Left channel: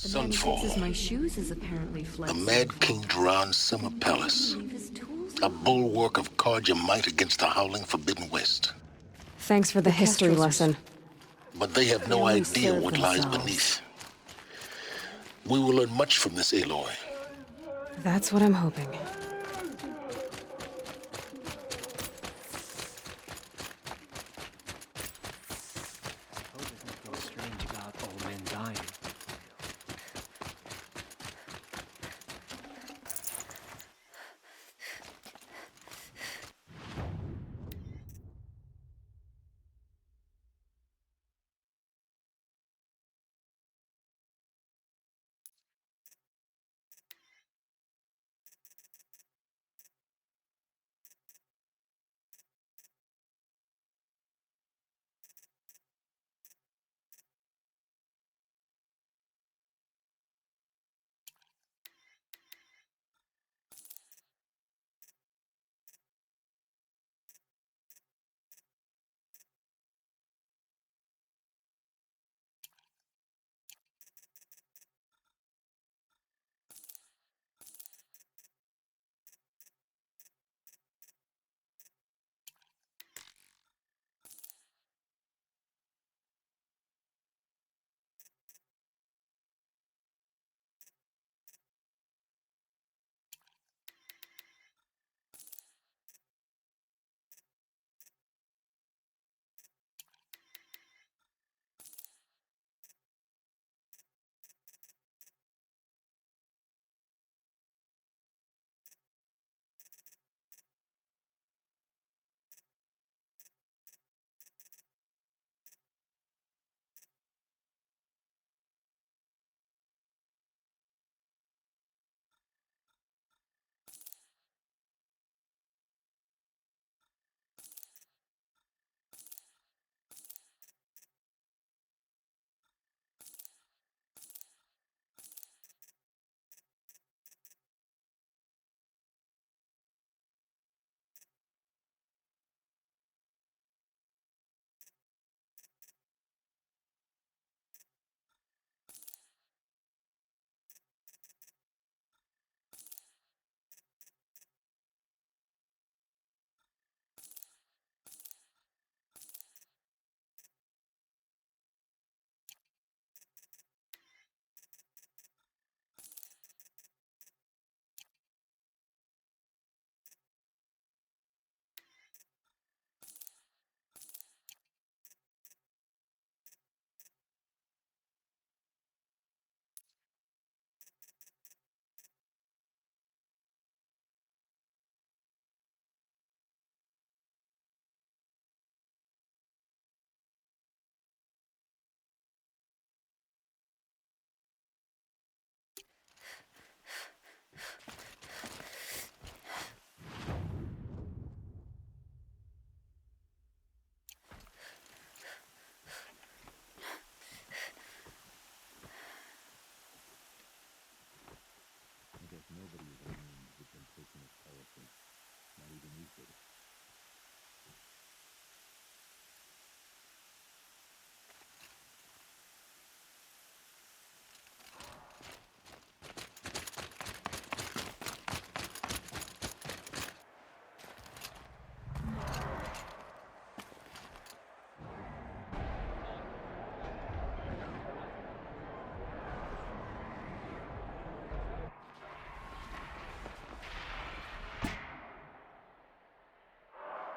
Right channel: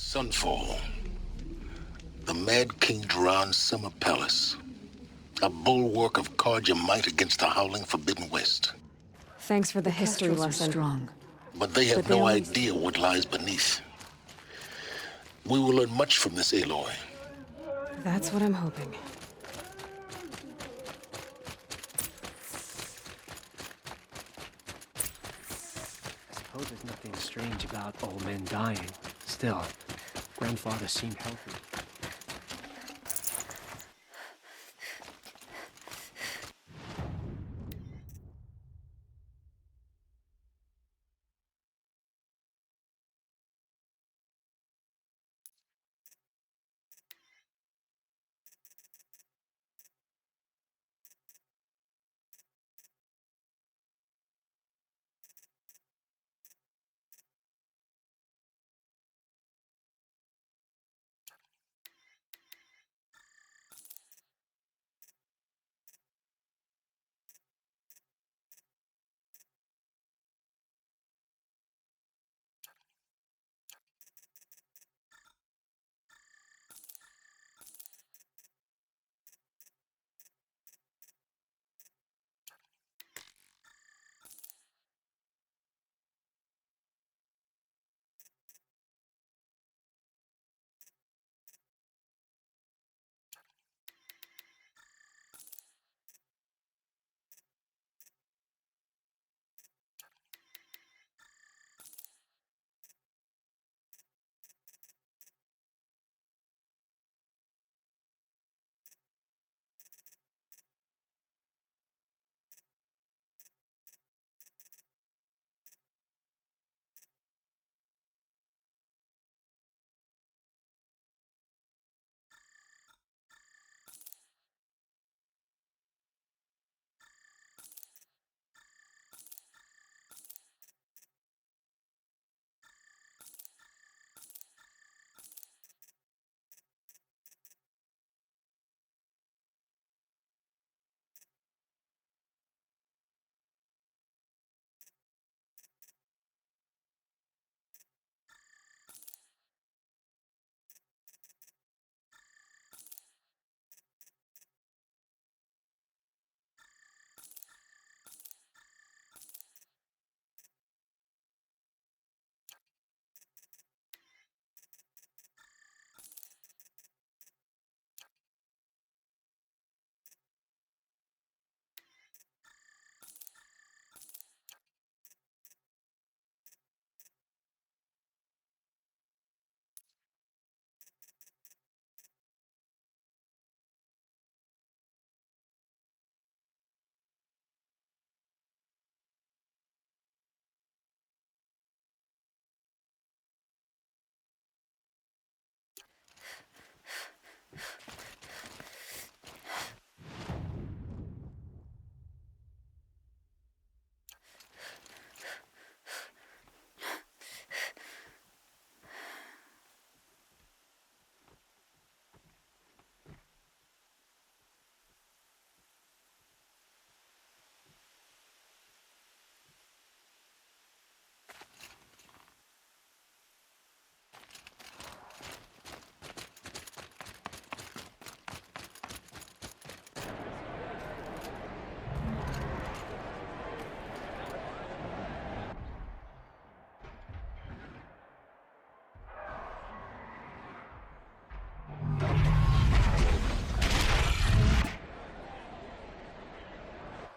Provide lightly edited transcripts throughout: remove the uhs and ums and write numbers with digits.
Sunfall. The Mad King Jiran's summer palace. A bulwark of Carja might against the howling Forbidden West. Thanks for the history lesson. But they have no idea what lies beneath. We will learn much from this Aloy. That's what I'm hoping. I suppose there's nothing strange about old men dying. Still, grandfather seemed healthy.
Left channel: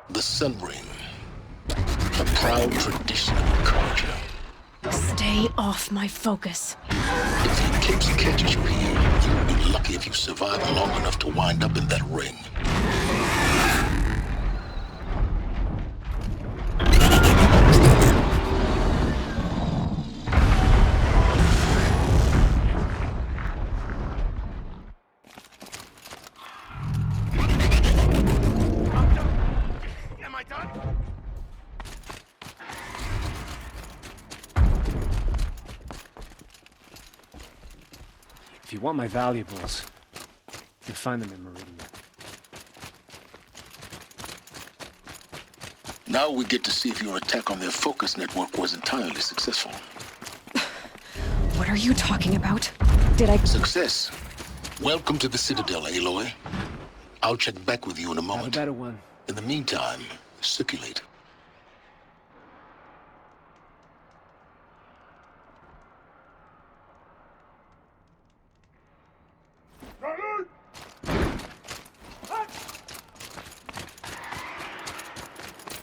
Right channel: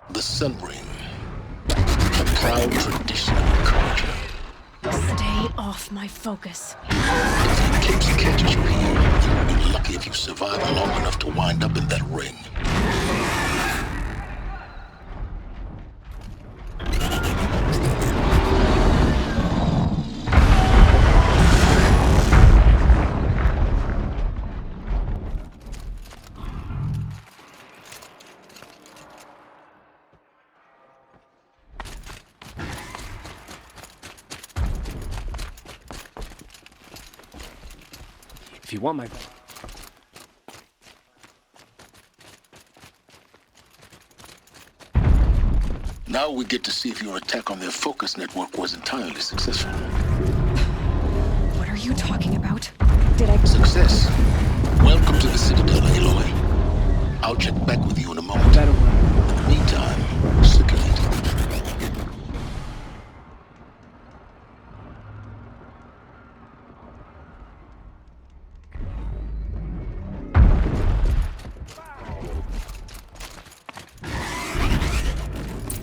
The Sun Ring. A proud tradition of Carja. Stay off my focus. If the Capes catches you here, you will be lucky if you survive long enough to wind up in that ring. If you want my valuables, you'll find them in Meridian. Now we get to see if your attack on their focus network was entirely successful. What are you talking about? Did I... Success. Welcome to the Citadel, Aloy. I'll check back with you in a moment. Better one. In the meantime, circulate.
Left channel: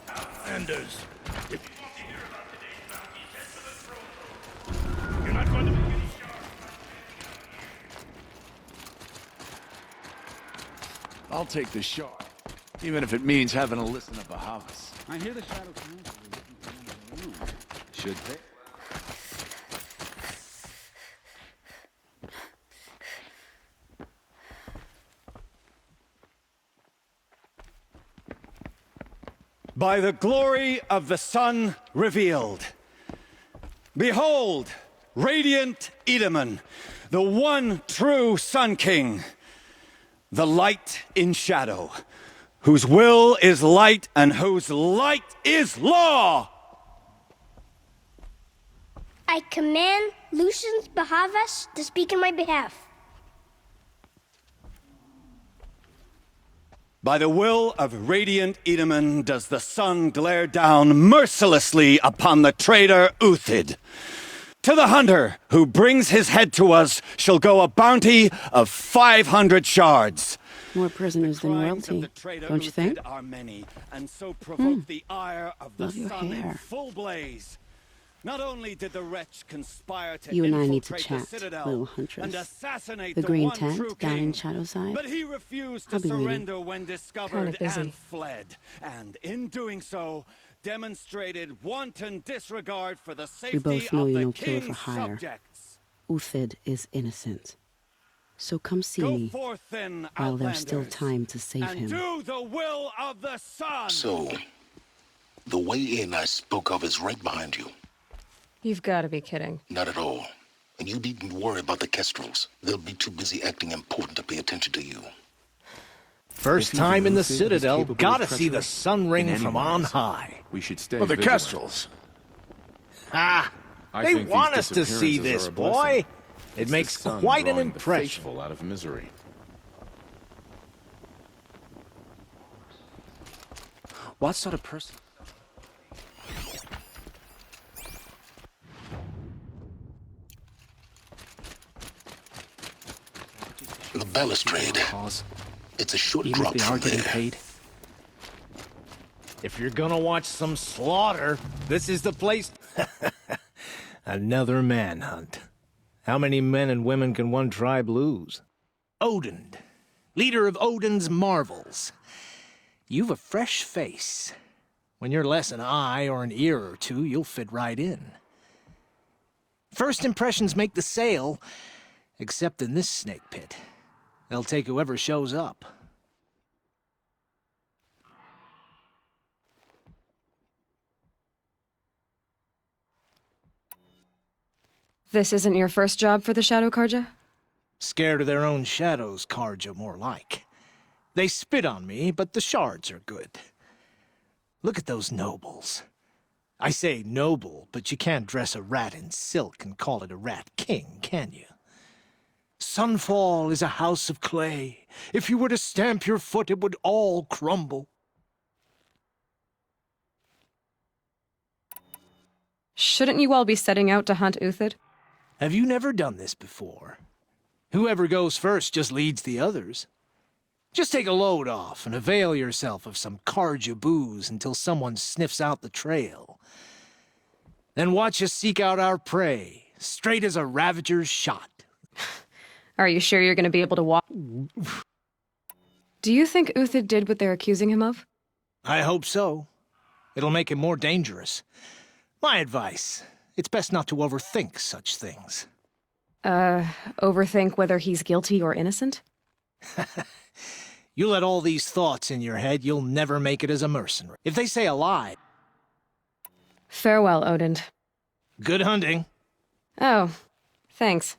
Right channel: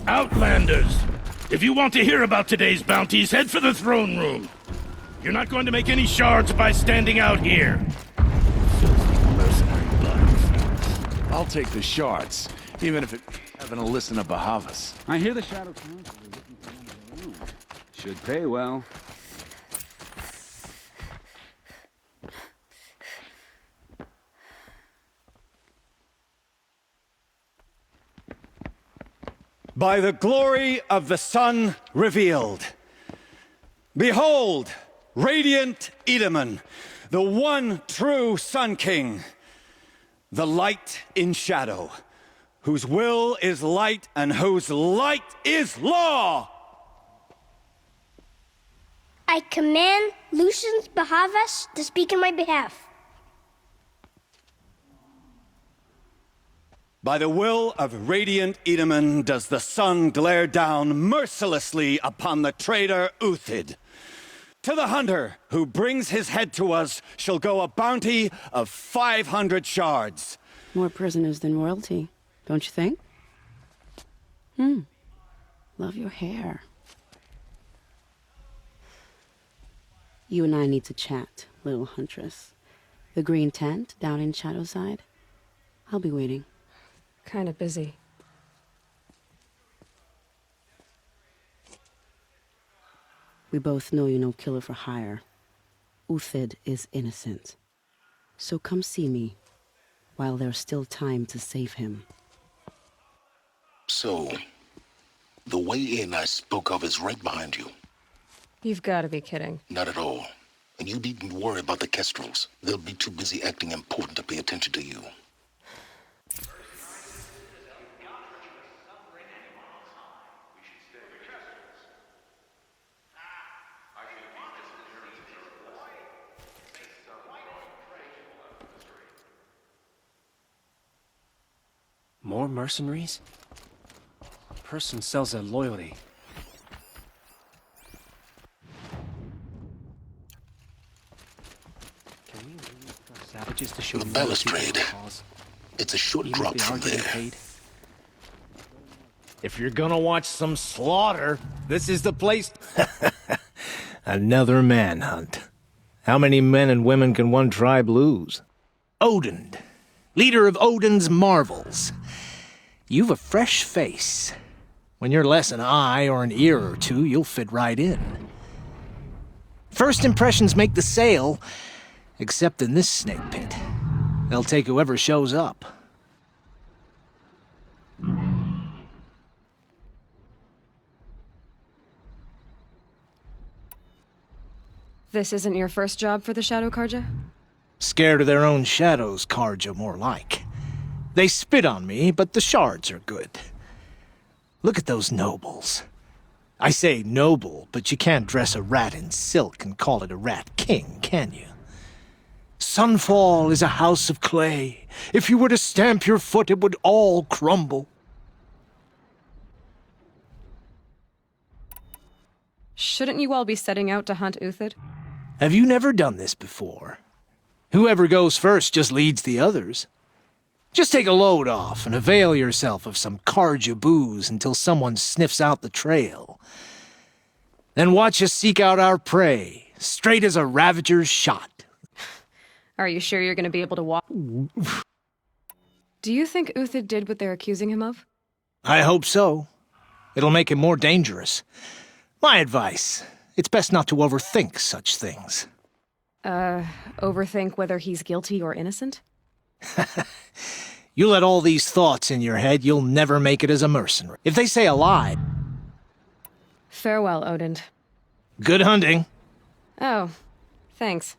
Outlanders! If you want to hear about today's bounties, head for the throne room. You're not going to make any shards by standing out here. I'll take the shards, even if it means having to listen to Bahavas. I hear the Shadow Council is looking for one of their own. Should pay well. By the glory of the sun revealed. Behold, radiant Edaman, the one true Sun King, the light in shadow, whose will is light and whose light is law. I command Lucius Bahavas to speak in my behalf. By the will of radiant Edaman does the sun glare down mercilessly upon the traitor Uthid. To the hunter who brings his head to us shall go a bounty of 500 shards. More prisoners than royalty, don't you think? Love your hair. Not only did the wretch conspire to You and I need to infiltrate the chat, Citadel little and huntress. assassinate The the green one true tent down king, in Shadowside. but he refused I'll to be waiting. surrender when discovered Kinda busy. and fled. And in doing so, demonstrated wanton disregard for the safety We both know of you're the no killer king's for hire. subjects. Uthid is innocent. So come see Go me forth then, while there's still Outlanders, time to save and him. do the will of the sun. So, the way in I spoke of is right behind you. You've got to be kidding. Not at all. And you needn't worry about the Kestrels. They'll be too busy acting important to pay attention to you. First time in the Citadel, gotta see the sun ring from on high. We should stay Well, the vigilant. Kestrels. Ah, I they think these want us to see disappearances this, are a blessing. boy. It It's the makes sun quite an drawing the impression. faithful out of misery. More mercenaries? What sort of person sells their loyalty? Savages to show The mercy balustrade. for a cause, It's a short even if drop they from are getting there. paid. If you're gonna watch some slaughter, this is the place. Another manhunt. How many men and women can one tribe lose? Odin, leader of Odin's marvels. You've a fresh face. When you're less an eye or an ear or two, you'll fit right in. First impressions make the sale, except in this snake pit. They'll take whoever shows up. This isn't your first job for the Shadow Karja? Scared of their own shadows, Karja, more like. They spit on me, but the shards are good. Look at those nobles. I say noble, but you can't dress a rat in silk and call it a rat king, can you? Sunfall is a house of clay. If you were to stamp your foot, it would all crumble. Shouldn't you all be setting out to hunt Uthid? Have you never done this before? Whoever goes first just leads the others. Just take a load off and avail yourself of some Karja booze until someone sniffs out the trail. Then watch us seek out our prey, straight as a ravager's shot. Are you sure you're going to be able to walk? Do you think Uthid did what they're accusing him of? I hope so. It'll make him more dangerous. My advice, it's best not to overthink such things. Overthink whether he's guilty or innocent? You let all these thoughts in your head, you'll never make it as a mercenary. If they say a lie, Farewell, Odin. good hunting. Oh, thanks.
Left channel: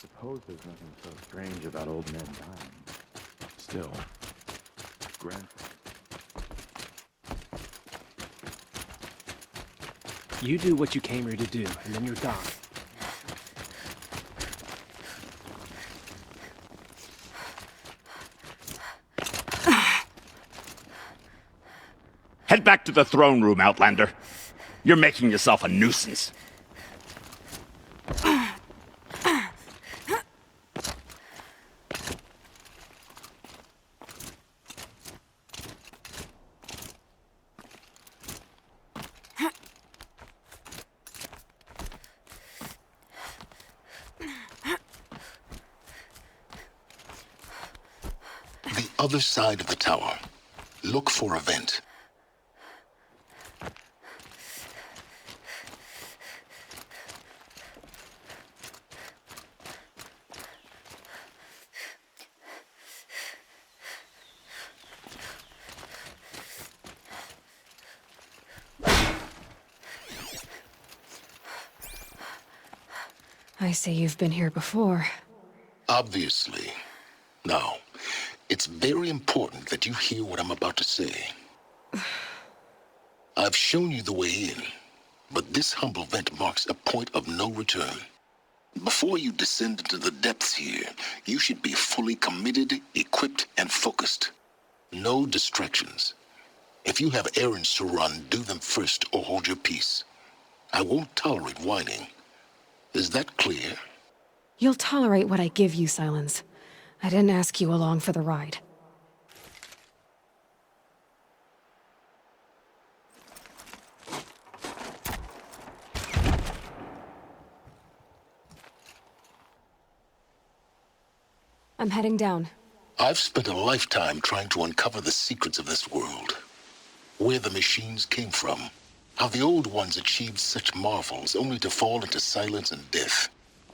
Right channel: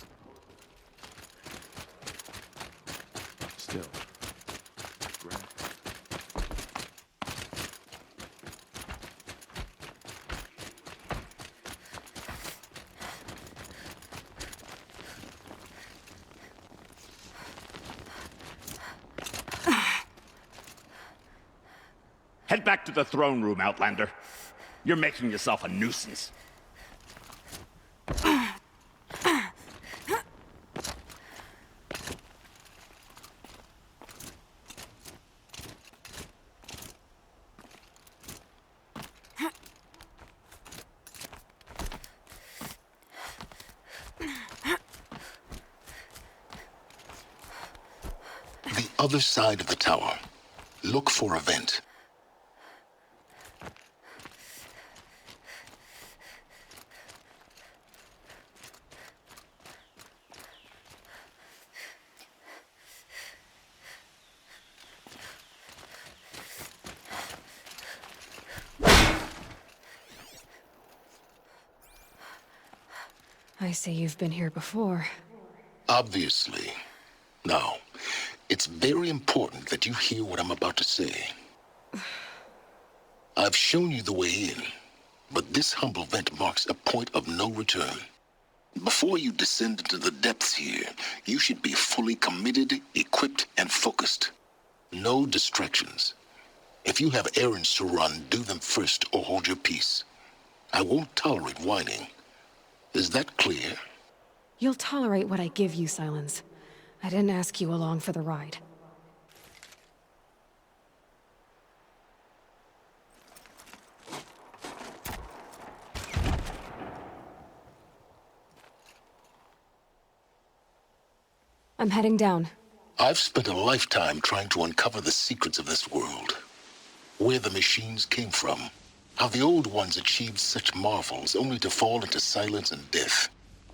Suppose there's nothing so strange about old men dying. Still, grandpa. You do what you came here to do, and then you're done. Head back to the throne room, Outlander. You're making yourself a nuisance. The other side of the tower. Look for a vent. I see you've been here before. Obviously. Now, it's very important that you hear what I'm about to say. I've shown you the way in, but this humble vent marks a point of no return. Before you descend into the depths here, you should be fully committed, equipped, and focused. No distractions. If you have errands to run, do them first or hold your peace. I won't tolerate whining. Is that clear? You'll tolerate what I give you, Silence. I didn't ask you along for the ride. I'm heading down. I've spent a lifetime trying to uncover the secrets of this world. Where the machines came from. How the old ones achieved such marvels only to fall into silence and death.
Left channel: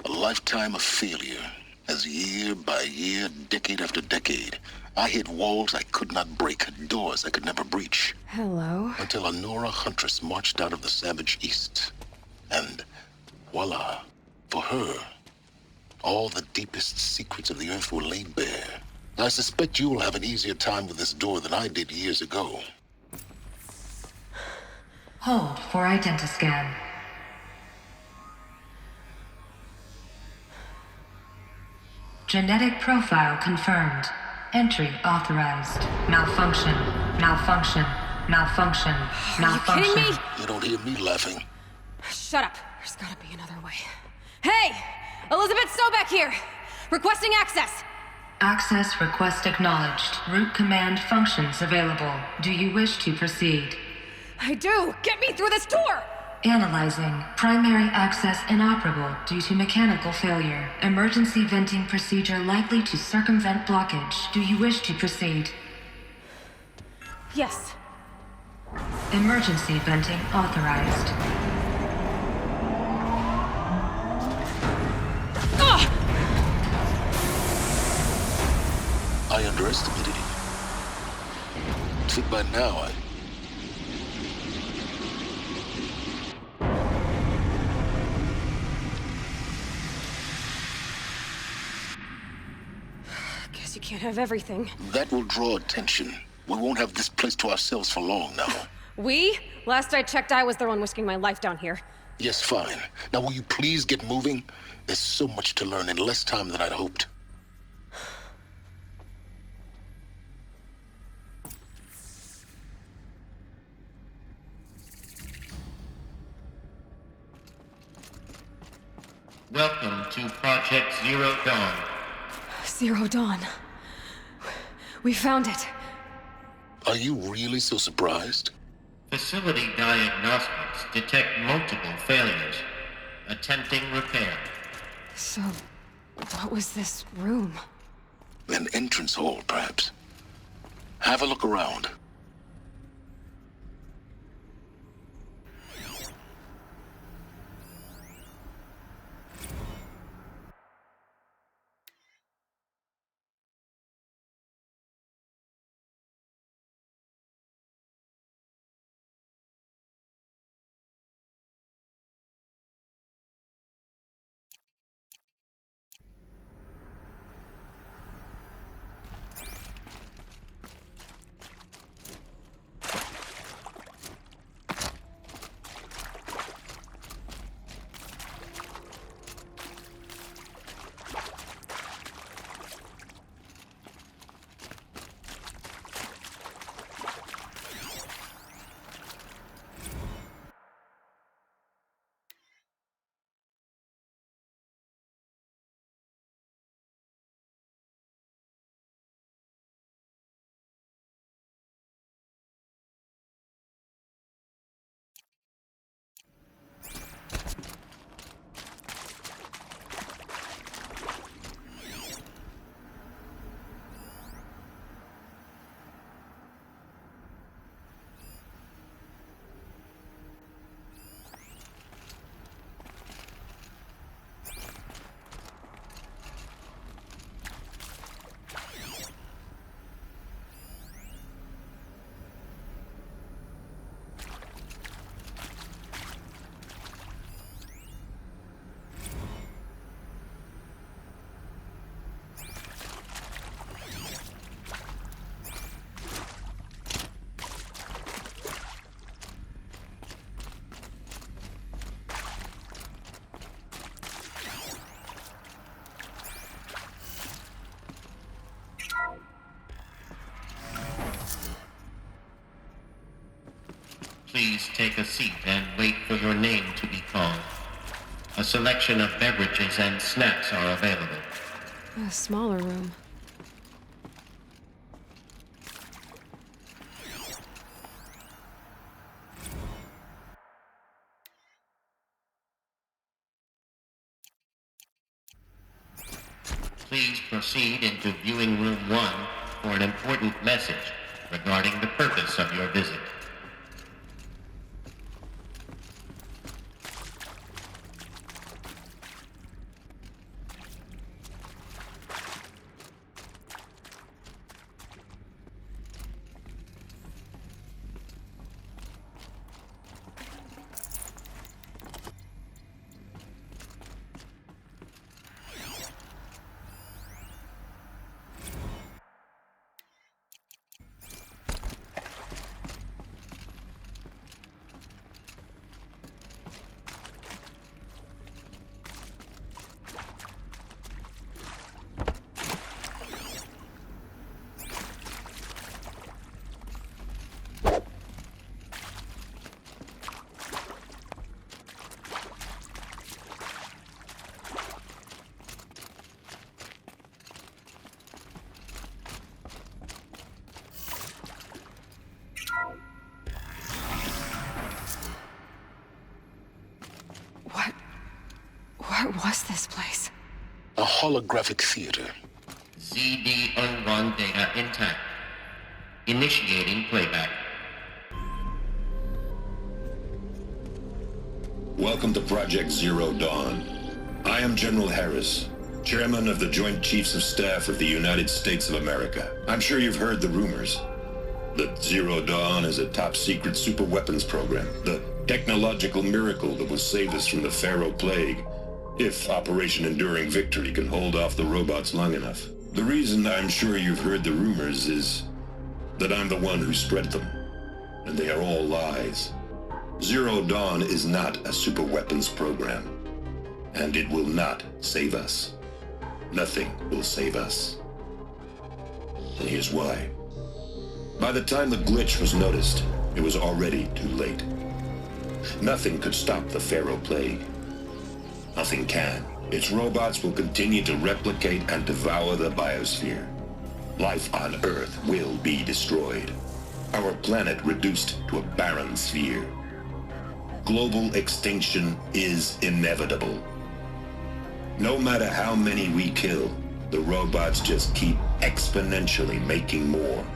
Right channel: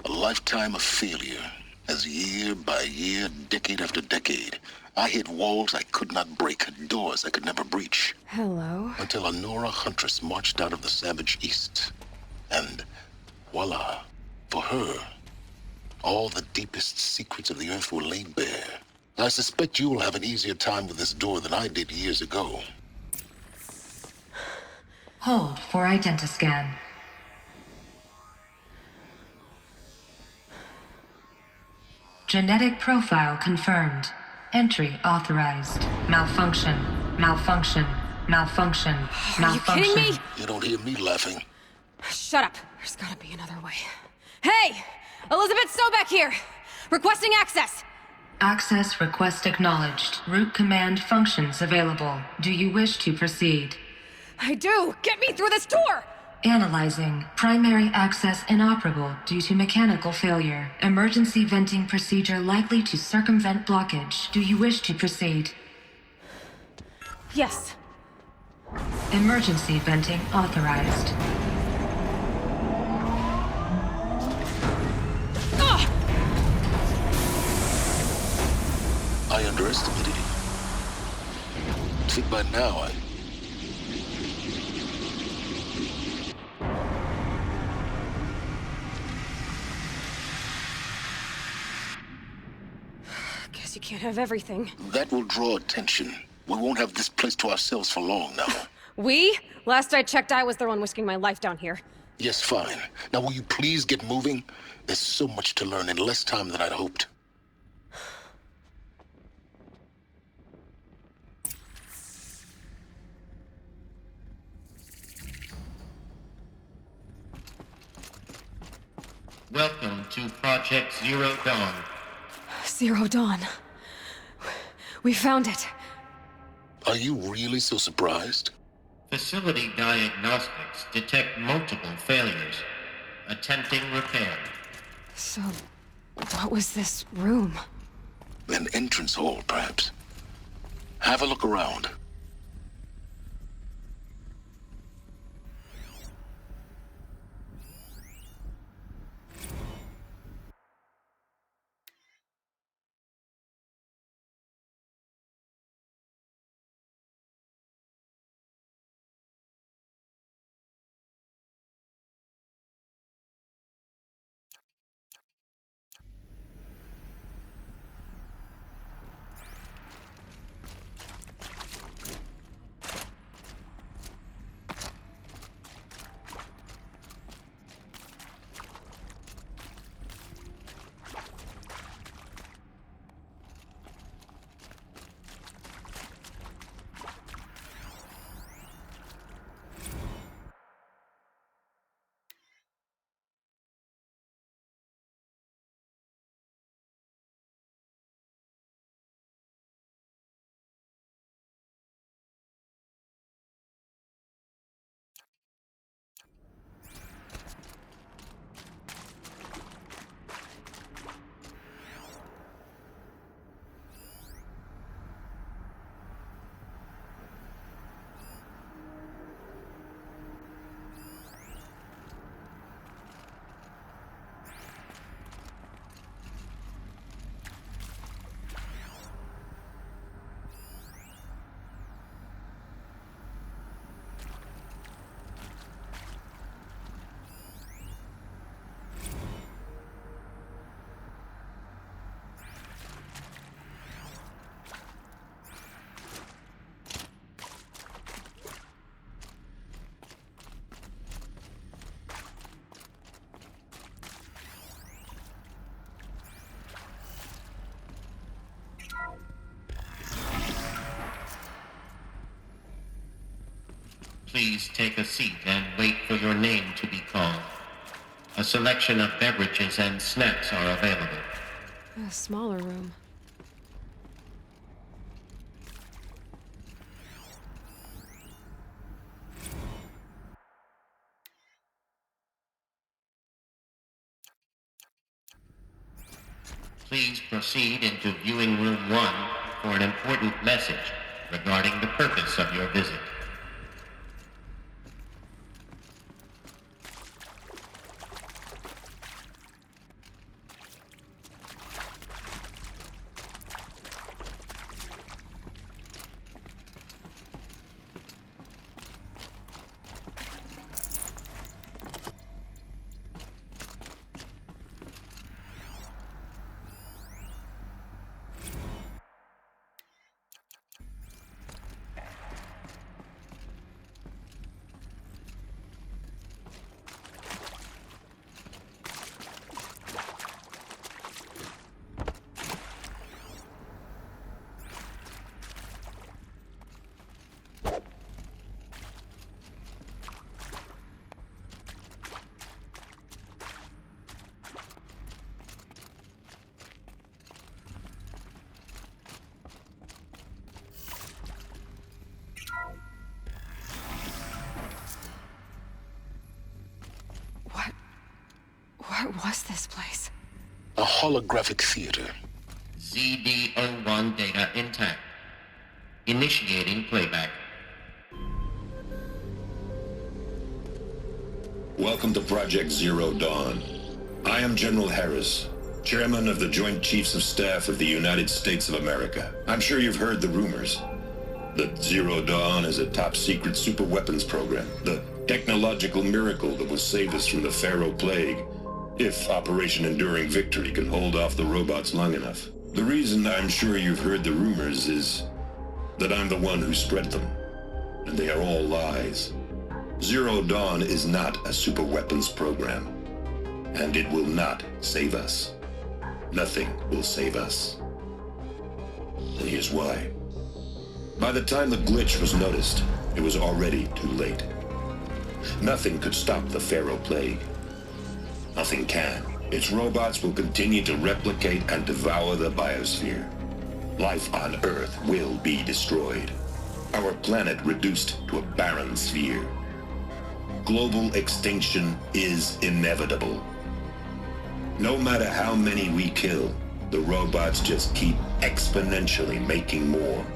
A lifetime of failure, as year by year, decade after decade, I hit walls I could not break, doors I could never breach. Hello? Until a Nora huntress marched out of the savage east. And voila, for her, all the deepest secrets of the earth were laid bare. I suspect you will have an easier time with this door than I did years ago. Hold for identiscan. Genetic profile confirmed. Entry authorized. Malfunction. Malfunction. Malfunction. Malfunction. Are you kidding me? You don't hear me laughing. Shut up. There's gotta be another way. Hey! Elizabeth Sobeck here! Requesting access! Access request acknowledged. Root command functions available. Do you wish to proceed? I do! Get me through this door! Analyzing. Primary access inoperable due to mechanical failure. Emergency venting procedure likely to circumvent blockage. Do you wish to proceed? Yes. Emergency venting authorized. I underestimated you. Think by now Guess you can't have everything. that will draw attention. We won't have this place to ourselves for long now. We? Last I checked, I was the one risking my life down here. Yes, fine. Now will you please get moving? There's so much to learn in less time than I'd hoped. Welcome to Project Zero Dawn. Zero Dawn. We found it. Are you really so surprised? Facility diagnostics detect multiple failures. Attempting repair. So, what was this room? An entrance hall, perhaps. Have a look around. Please take a seat and wait for your name to be called. A selection of beverages and snacks are available. A smaller room. Please proceed into viewing room 1 for an important message regarding the purpose of your visit. What was this place? A holographic theater. ZD-01 data intact. Initiating playback. Welcome to Project Zero Dawn. I am General Harris, Chairman of the Joint Chiefs of Staff of the United States of America. I'm sure you've heard the rumors that Zero Dawn is a top-secret superweapons program, the technological miracle that will save us from the Pharaoh Plague, if Operation Enduring Victory can hold off the robots long enough. The reason I'm sure you've heard the rumors is that I'm the one who spread them, and they are all lies. Zero Dawn is not a superweapons program, and it will not save us. Nothing will save us. And here's why. By the time the glitch was noticed, it was already too late. Nothing could stop the Pharaoh Plague. Nothing can. Its robots will continue to replicate and devour the biosphere. Life on Earth will be destroyed. Our planet reduced to a barren sphere. Global extinction is inevitable. No matter how many we kill, the robots just keep exponentially making more.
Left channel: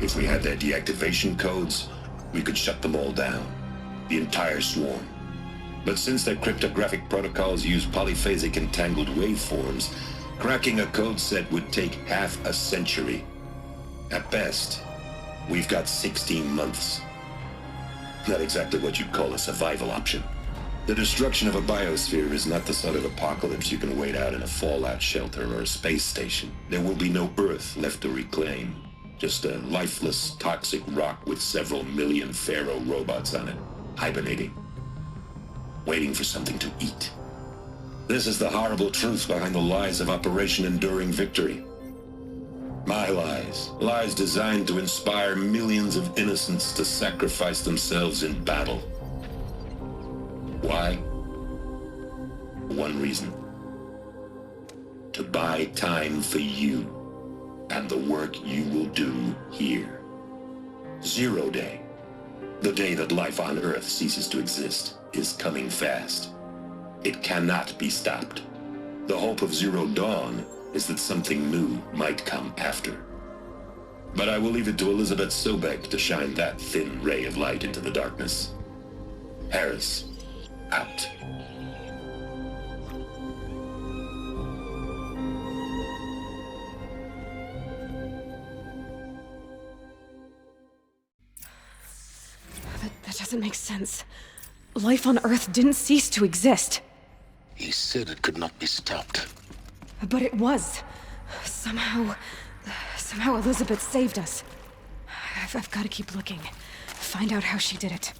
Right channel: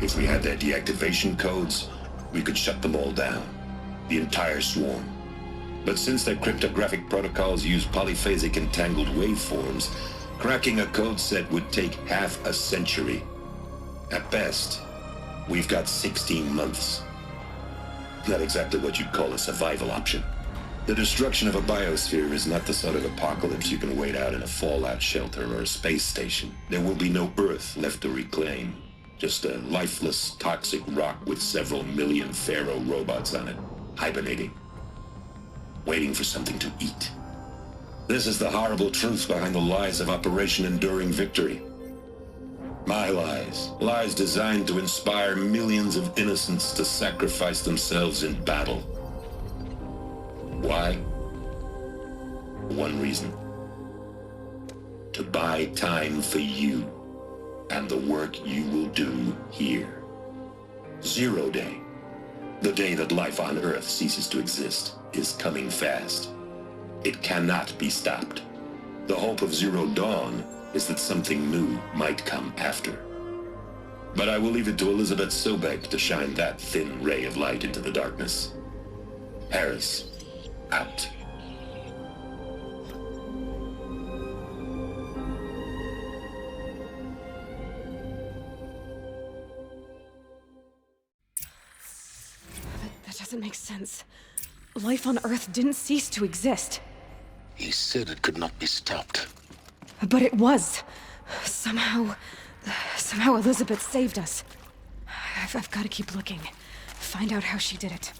If we had their deactivation codes, we could shut them all down. The entire swarm. But since their cryptographic protocols use polyphasic entangled waveforms, cracking a code set would take half a century. At best, we've got 16 months. Not exactly what you'd call a survival option. The destruction of a biosphere is not the sort of apocalypse you can wait out in a fallout shelter or a space station. There will be no Earth left to reclaim. Just a lifeless, toxic rock with several million Pharaoh robots on it, hibernating. Waiting for something to eat. This is the horrible truth behind the lies of Operation Enduring Victory. My lies. Lies designed to inspire millions of innocents to sacrifice themselves in battle. Why? One reason. To buy time for you and the work you will do here. Zero Day. The day that life on Earth ceases to exist is coming fast. It cannot be stopped. The hope of Zero Dawn is that something new might come after. But I will leave it to Elizabeth Sobek to shine that thin ray of light into the darkness. Harris, out. That doesn't make sense. Life on Earth didn't cease to exist. He said it could not be stopped. But it was. Somehow Elizabeth saved us. I've got to keep looking. Find out how she did it.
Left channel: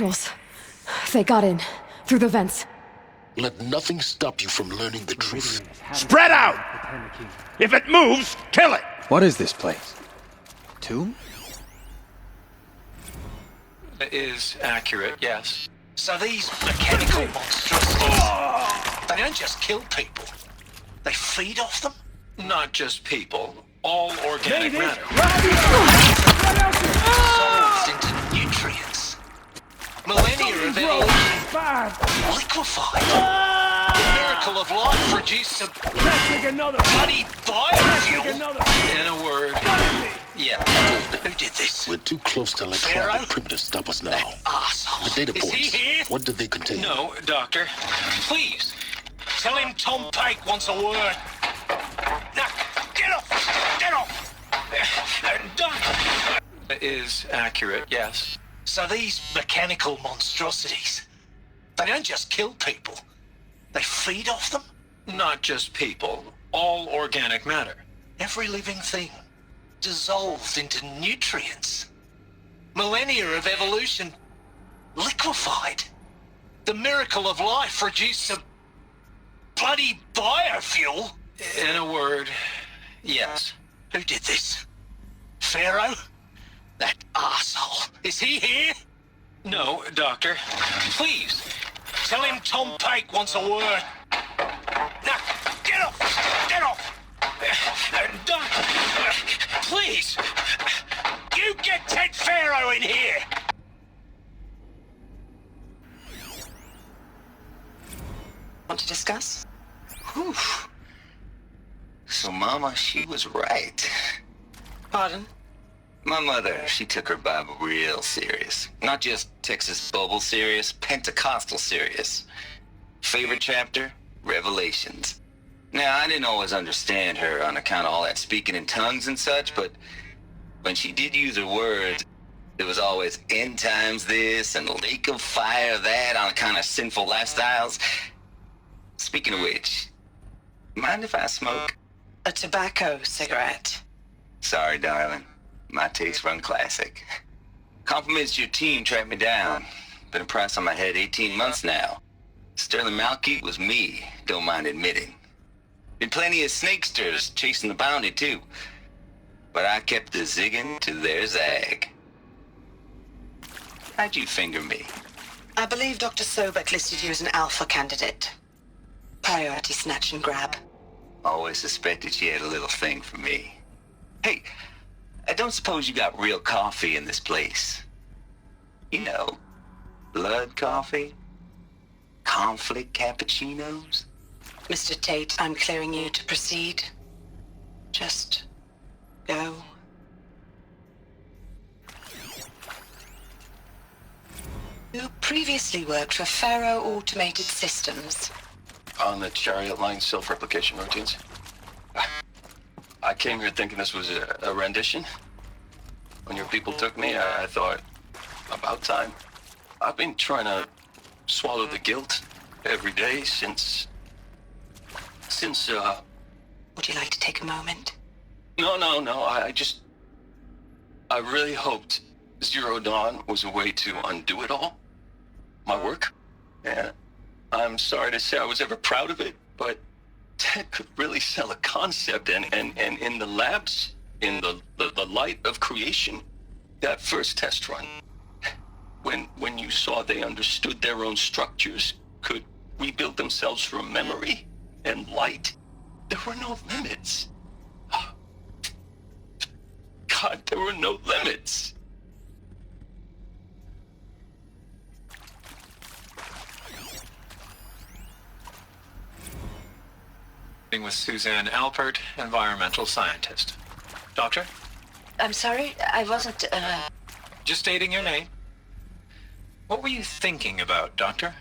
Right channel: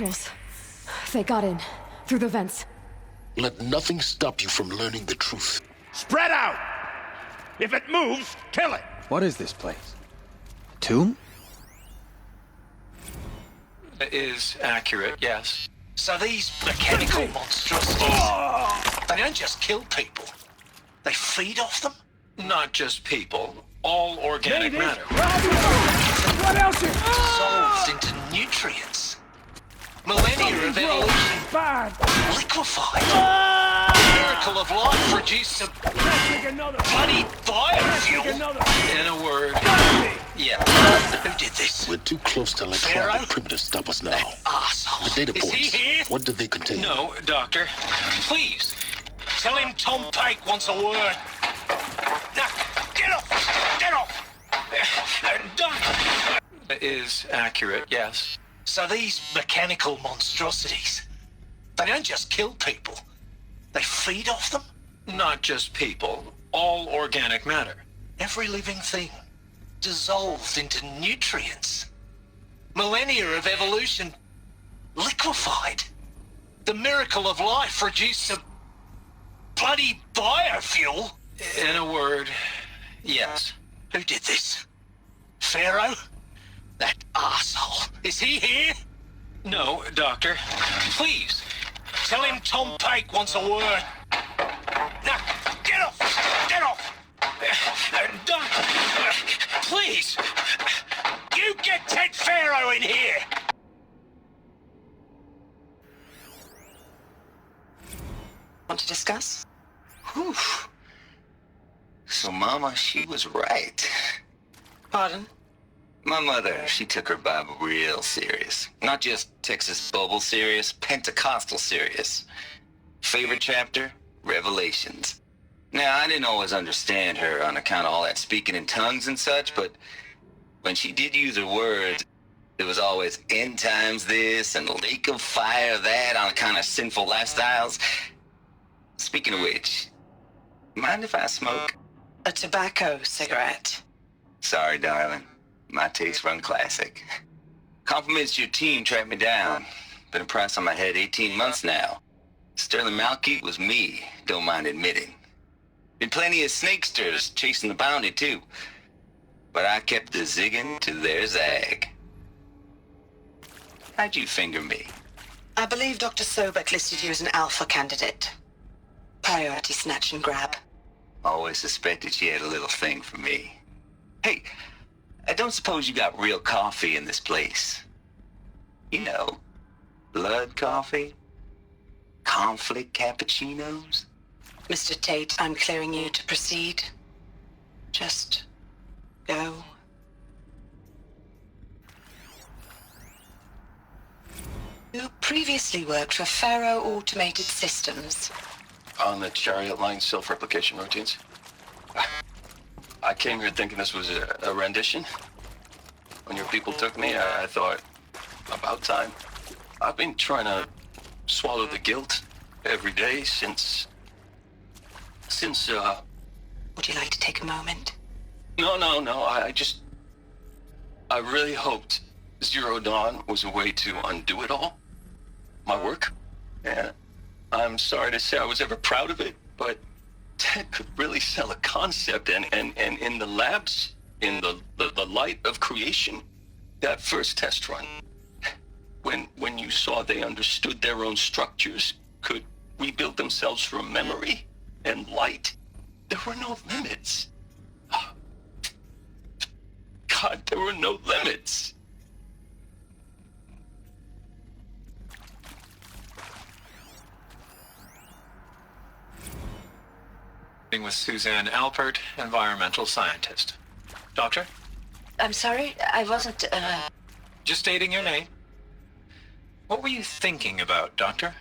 nostrils. They got in, through the vents. Let nothing stop you from learning the truth. Spread out! If it moves, kill it! What is this place? Tomb? Is accurate, yes. So these mechanical monstrosities, they don't just kill people. They feed off them? Not just people. All organic matter. Dissolved into nutrients. Millennia of evolution. Liquefied. The miracle of life produced a bloody biofuel. In a word, yeah. Who did this? We're too close to electronic primitives to stop us now. Arsehole. The data Is he points. here? What did they contain? No, Doctor. Please. Tell him Tom Pike wants a word. Now, get off! Get off! Doc! Is accurate, yes. So these mechanical monstrosities, they don't just kill people. They feed off them? Not just people. All organic matter. Every living thing. Dissolved into nutrients. Millennia of evolution. Liquefied. The miracle of life produced a bloody biofuel. In a word, yes. Who did this? Pharaoh? That arsehole. Is he here? No, Doctor. Please. Tell him Tom Pike wants a word. Now, get off! Get off! Doc, please. You get Ted Pharaoh in here! Want to discuss? Whew. So Mama, she was right. Pardon? My mother, she took her Bible real serious. Not just Texas Bible serious, Pentecostal serious. Favorite chapter? Revelations. Now, I didn't always understand her on account of all that speaking in tongues and such, but when she did use her words, it was always end times this and lake of fire that on account of sinful lifestyles. Speaking of which, mind if I smoke? A tobacco cigarette. Sorry, darling. My taste run classic. Compliments to your team tracked me down. Been a price on my head 18 months now. Sterling Malkeet was me, don't mind admitting. Been plenty of snakesters chasing the bounty too. But I kept the zigging to their zag. How'd you finger me? I believe Dr. Sobek listed you as an alpha candidate. Priority snatch and grab. Always suspected she had a little thing for me. Hey, I don't suppose you got real coffee in this place. You know, blood coffee? Conflict cappuccinos? Mr. Tate, I'm clearing you to proceed. Just go. You previously worked for Pharaoh Automated Systems. On the Chariot Line self-replication routines. I came here thinking this was a rendition. When your people took me, I thought, about time. I've been trying to swallow the guilt every day since... Would you like to take a moment? No. I really hoped Zero Dawn was a way to undo it all. My work. Yeah. I'm sorry to say I was ever proud of it, but Ted could really sell a concept, and in the labs, in the light of creation, that first test run, when you saw they understood their own structures, could rebuild themselves from memory and light, there were no limits. God, there were no limits. With Suzanne Alpert, environmental scientist. Doctor? I'm sorry, I wasn't, Just stating your name. What were you thinking about, Doctor?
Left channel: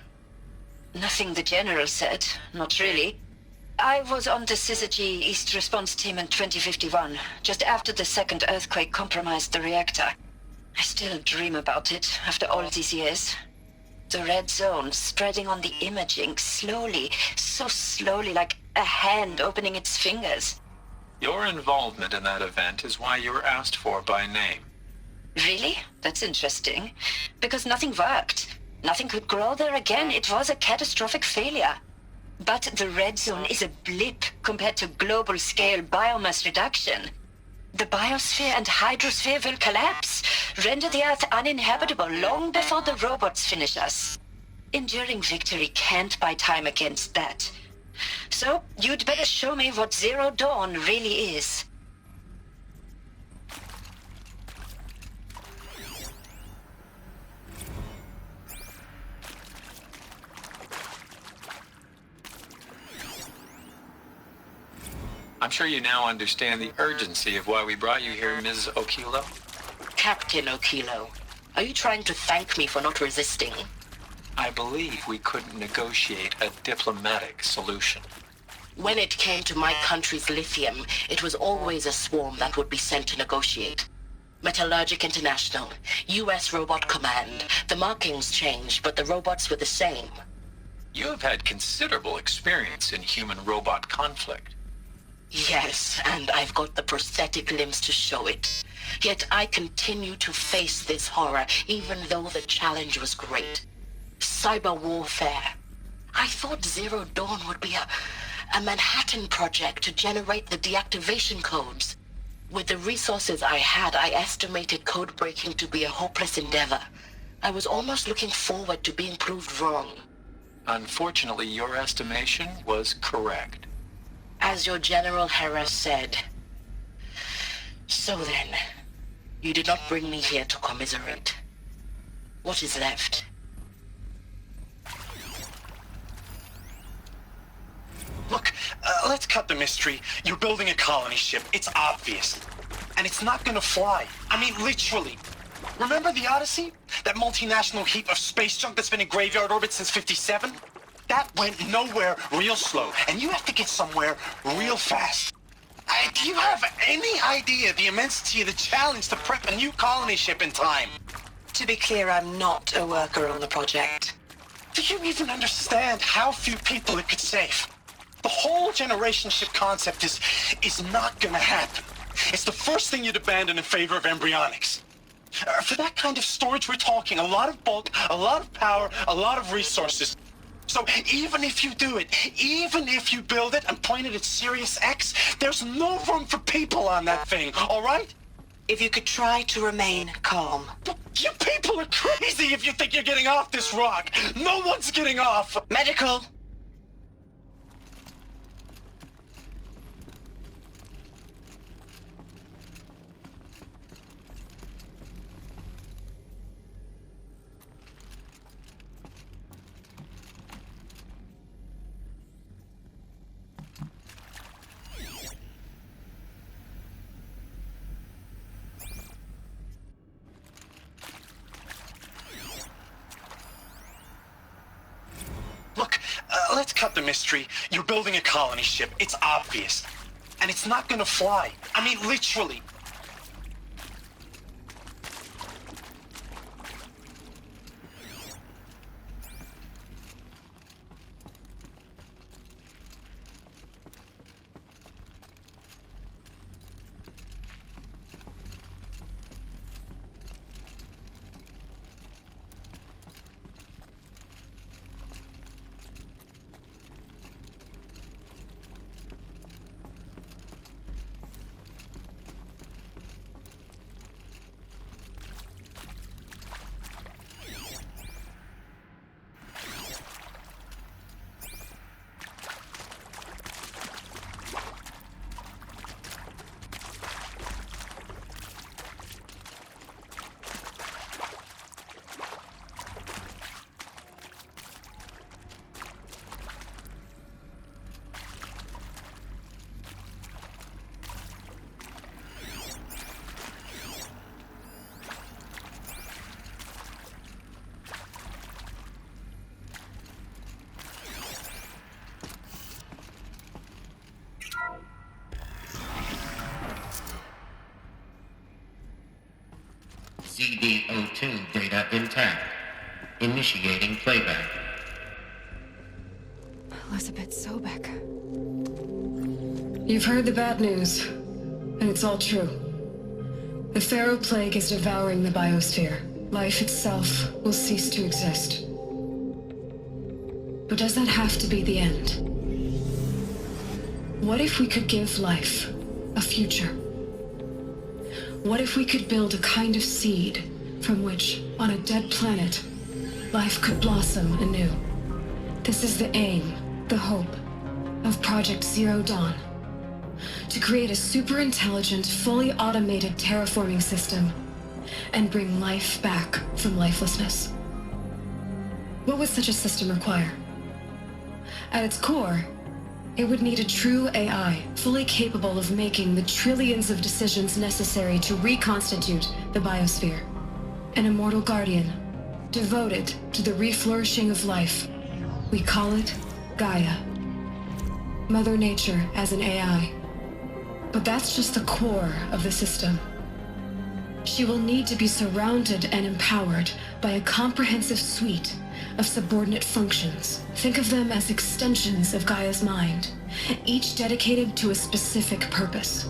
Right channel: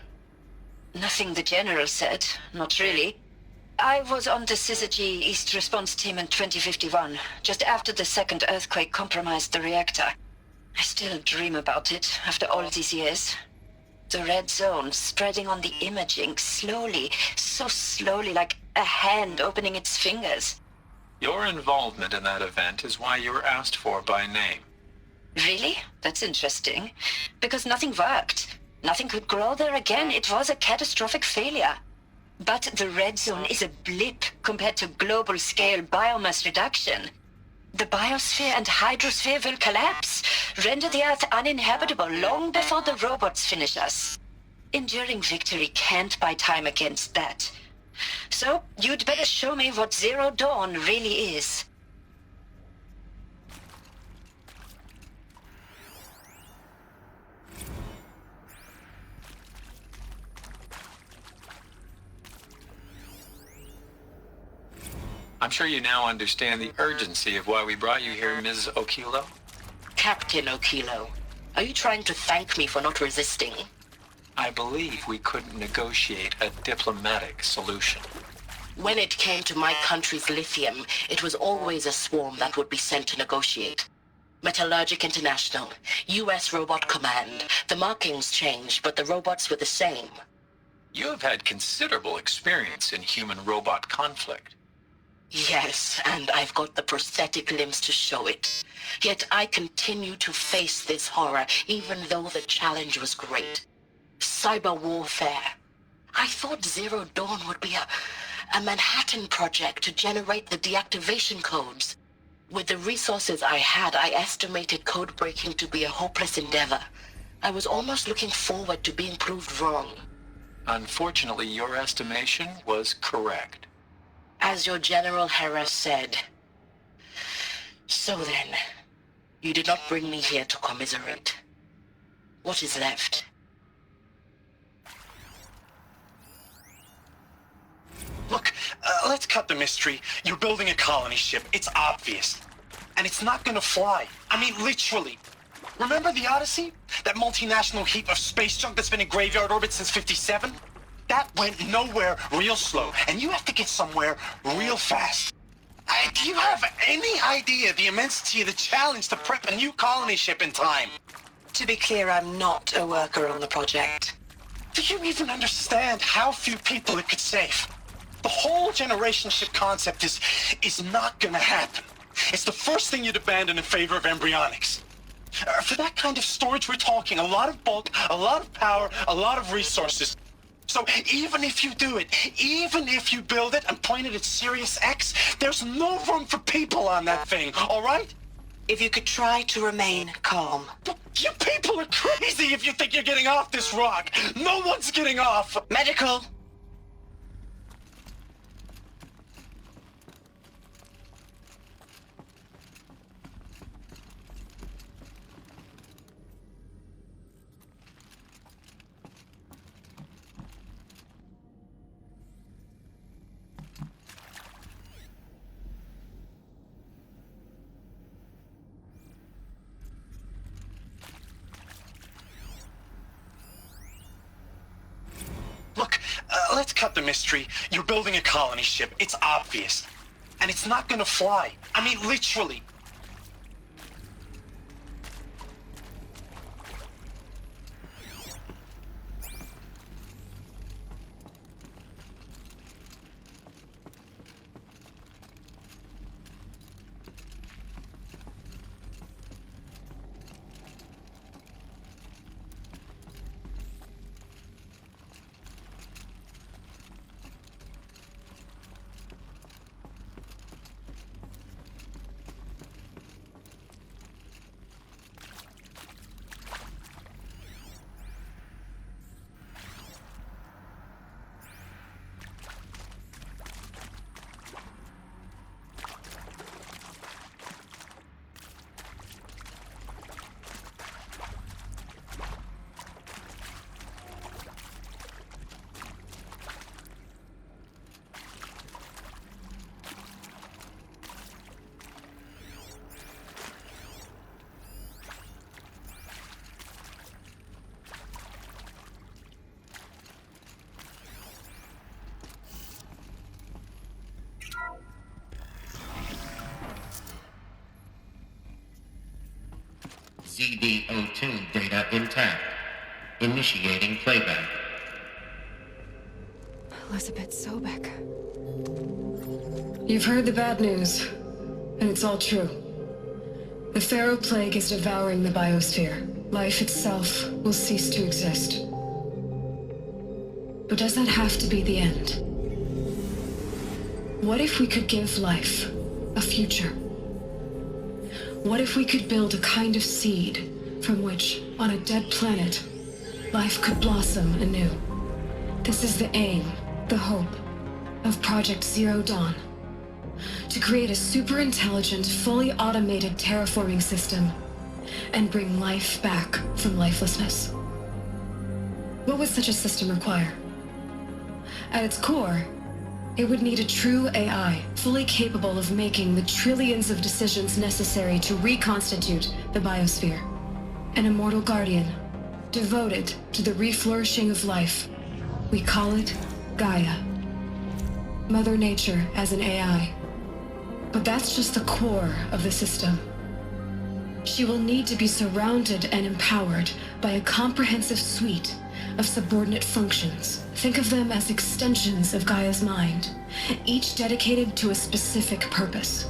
Nothing the General said, not really. I was on the Syzygy East Response Team in 2051, just after the second earthquake compromised the reactor. I still dream about it, after all these years. The red zone spreading on the imaging, slowly, so slowly, like a hand opening its fingers. Your involvement in that event is why you were asked for by name. Really? That's interesting. Because nothing worked. Nothing could grow there again. It was a catastrophic failure. But the red zone is a blip compared to global-scale biomass reduction. The biosphere and hydrosphere will collapse, render the Earth uninhabitable long before the robots finish us. Enduring victory can't buy time against that. So, you'd better show me what Zero Dawn really is. I'm sure you now understand the urgency of why we brought you here, Ms. Okilo. Captain Okilo, are you trying to thank me for not resisting? I believe we couldn't negotiate a diplomatic solution. When it came to my country's lithium, it was always a swarm that would be sent to negotiate. Metallurgic International, U.S. Robot Command. The markings changed, but the robots were the same. You have had considerable experience in human-robot conflict. Yes, and I've got the prosthetic limbs to show it. Yet I continue to face this horror, even though the challenge was great. Cyber warfare. I thought Zero Dawn would be a Manhattan project to generate the deactivation codes. With the resources I had, I estimated code breaking to be a hopeless endeavor. I was almost looking forward to being proved wrong. Unfortunately, your estimation was correct. As your General Hera said. So then, you did not bring me here to commiserate. What is left? Look, let's cut the mystery. You're building a colony ship. It's obvious. And it's not gonna fly. I mean, literally. Remember the Odyssey? That multinational heap of space junk that's been in graveyard orbit since '57? That went nowhere real slow, and you have to get somewhere real fast. Do you have any idea the immensity of the challenge to prep a new colony ship in time? To be clear, I'm not a worker on the project. Do you even understand how few people it could save? The whole generation ship concept is not gonna happen. It's the first thing you'd abandon in favor of embryonics. For that kind of storage, we're talking a lot of bulk, a lot of power, a lot of resources. So even if you do it, even if you build it and point it at Sirius X, there's no room for people on that thing, all right? If you could try to remain calm. You people are crazy if you think you're getting off this rock. No one's getting off. Medical. Let's cut the mystery. You're building a colony ship. It's obvious. And it's not gonna fly. I mean, literally. ZD02 data intact. Initiating playback. Elizabeth Sobek. You've heard the bad news, and it's all true. The Pharaoh Plague is devouring the biosphere. Life itself will cease to exist. But does that have to be the end? What if we could give life a future? What if we could build a kind of seed from which, on a dead planet, life could blossom anew? This is the aim, the hope, of Project Zero Dawn. To create a super-intelligent, fully automated terraforming system and bring life back from lifelessness. What would such a system require? At its core, it would need a true AI, fully capable of making the trillions of decisions necessary to reconstitute the biosphere. An immortal guardian, devoted to the reflourishing of life. We call it Gaia. Mother Nature as an AI. But that's just the core of the system. She will need to be surrounded and empowered by a comprehensive suite of subordinate functions. Think of them as extensions of Gaia's mind, each dedicated to a specific purpose.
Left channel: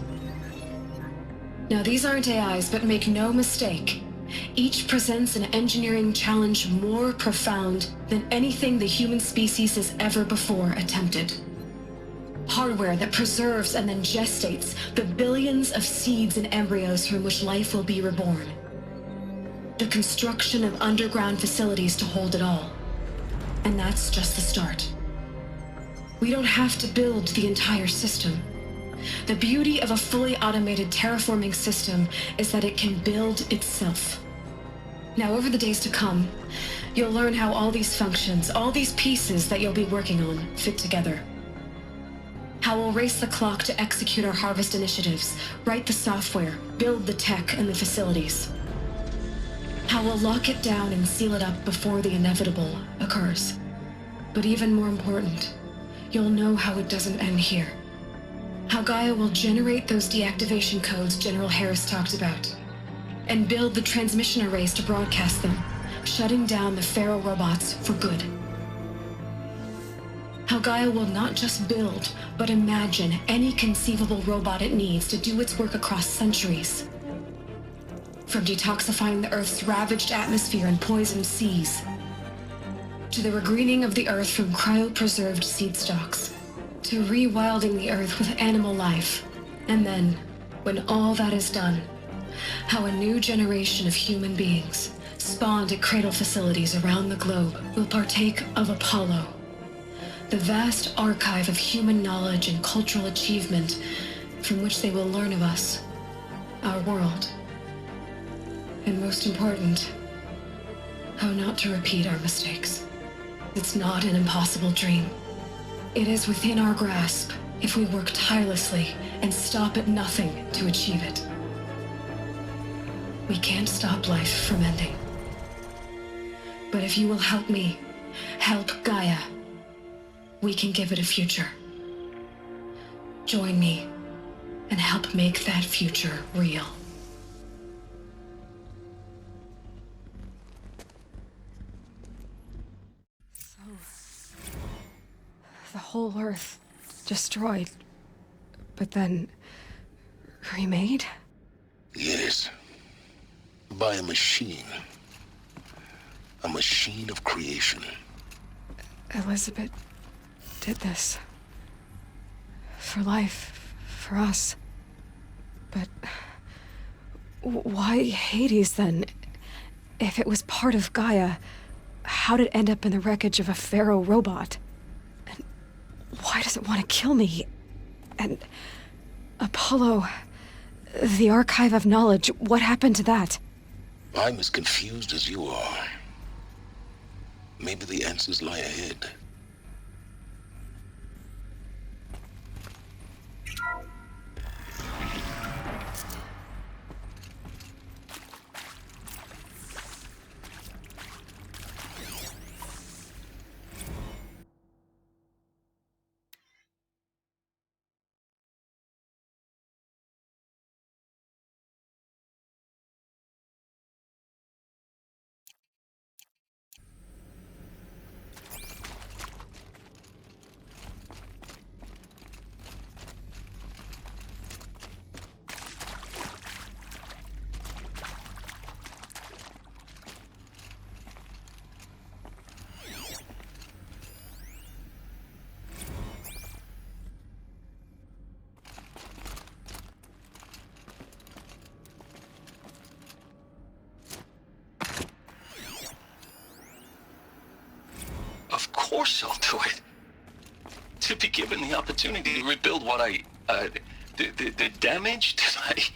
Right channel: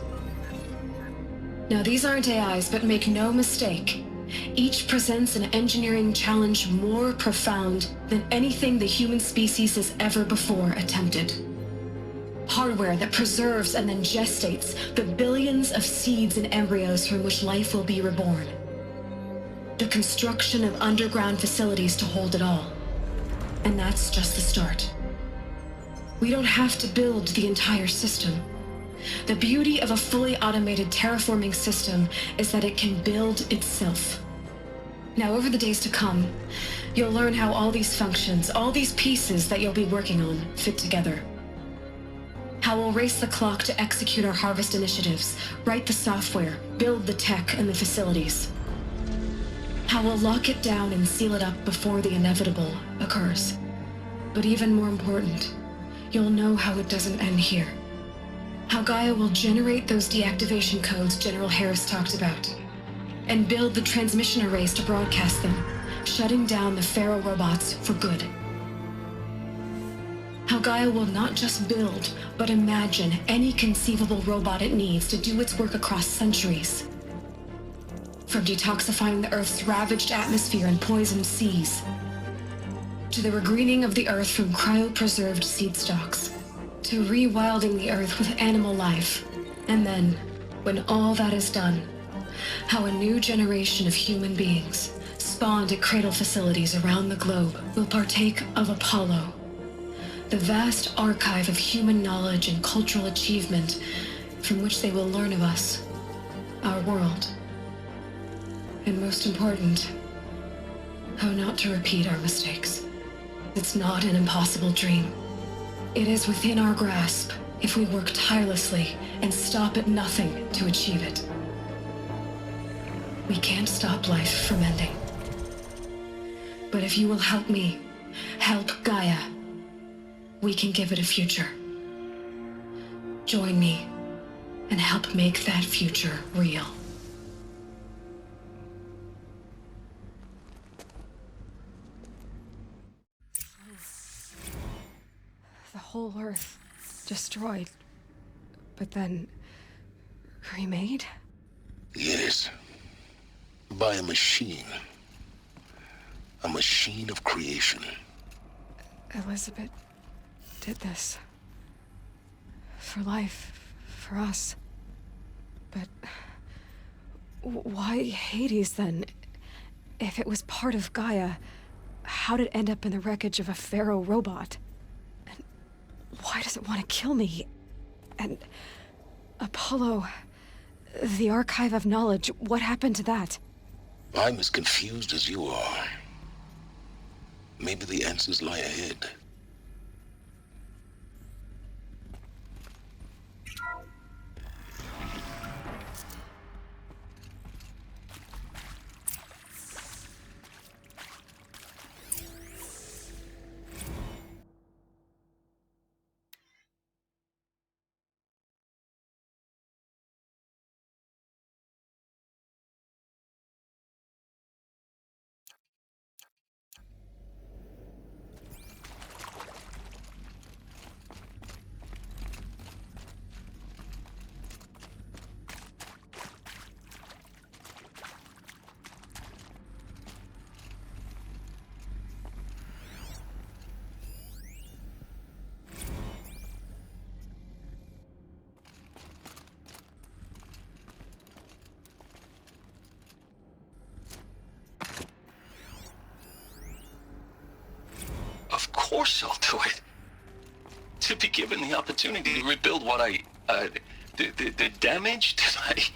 Now, these aren't AIs, but make no mistake, each presents an engineering challenge more profound than anything the human species has ever before attempted. Hardware that preserves and then gestates the billions of seeds and embryos from which life will be reborn. The construction of underground facilities to hold it all. And that's just the start. We don't have to build the entire system. The beauty of a fully automated terraforming system is that it can build itself. Now, over the days to come, you'll learn how all these functions, all these pieces that you'll be working on, fit together. How we'll race the clock to execute our harvest initiatives, write the software, build the tech and the facilities. How we'll lock it down and seal it up before the inevitable occurs. But even more important, you'll know how it doesn't end here. How Gaia will generate those deactivation codes General Harris talked about, and build the transmission arrays to broadcast them, shutting down the Pharaoh robots for good. How Gaia will not just build, but imagine any conceivable robot it needs to do its work across centuries. From detoxifying the Earth's ravaged atmosphere and poisoned seas, to the regreening of the Earth from cryopreserved seed stalks, to rewilding the Earth with animal life. And then, when all that is done, how a new generation of human beings, spawned at cradle facilities around the globe, will partake of Apollo, the vast archive of human knowledge and cultural achievement from which they will learn of us, our world. And most important, how not to repeat our mistakes. It's not an impossible dream. It is within our grasp if we work tirelessly and stop at nothing to achieve it. We can't stop life from ending. But if you will help me, help Gaia, we can give it a future. Join me and help make that future real. The whole Earth destroyed, but then remade? Yes. By a machine. A machine of creation. Elizabeth did this. For life, for us. But why Hades then? If it was part of Gaia, how did it end up in the wreckage of a Pharaoh robot? And why does it want to kill me? And Apollo, the archive of knowledge, what happened to that? I'm as confused as you are. Maybe the answers lie ahead. course I'll do it. To be given the opportunity to rebuild what the damage that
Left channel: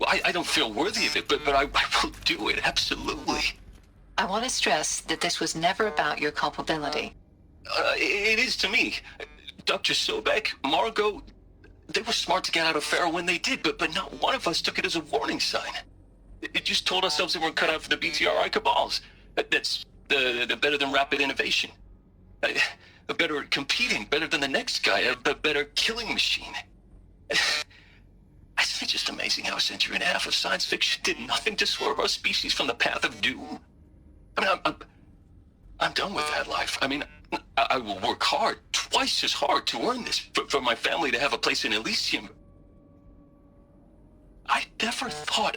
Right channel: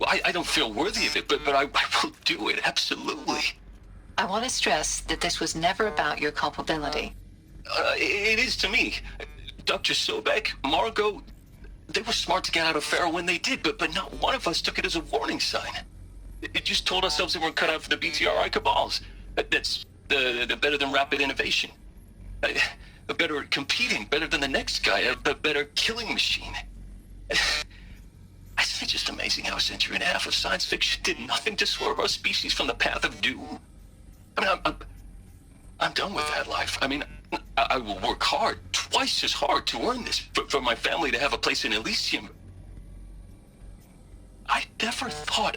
I don't feel worthy of it, but I will do it, absolutely. I want to stress that this was never about your culpability. It is to me. Dr. Sobek, Margot, they were smart to get out of Pharaoh when they did, but not one of us took it as a warning sign. It just told ourselves that we're cut out for the BTRI cabals. That's the better than rapid innovation. Better at competing, better than the next guy, a better killing machine. I think it's just amazing how a century and a half of science fiction did nothing to swerve our species from the path of doom. I mean, I'm done with that life. I mean, I will work hard, twice as hard, to earn this, for my family to have a place in Elysium. I never thought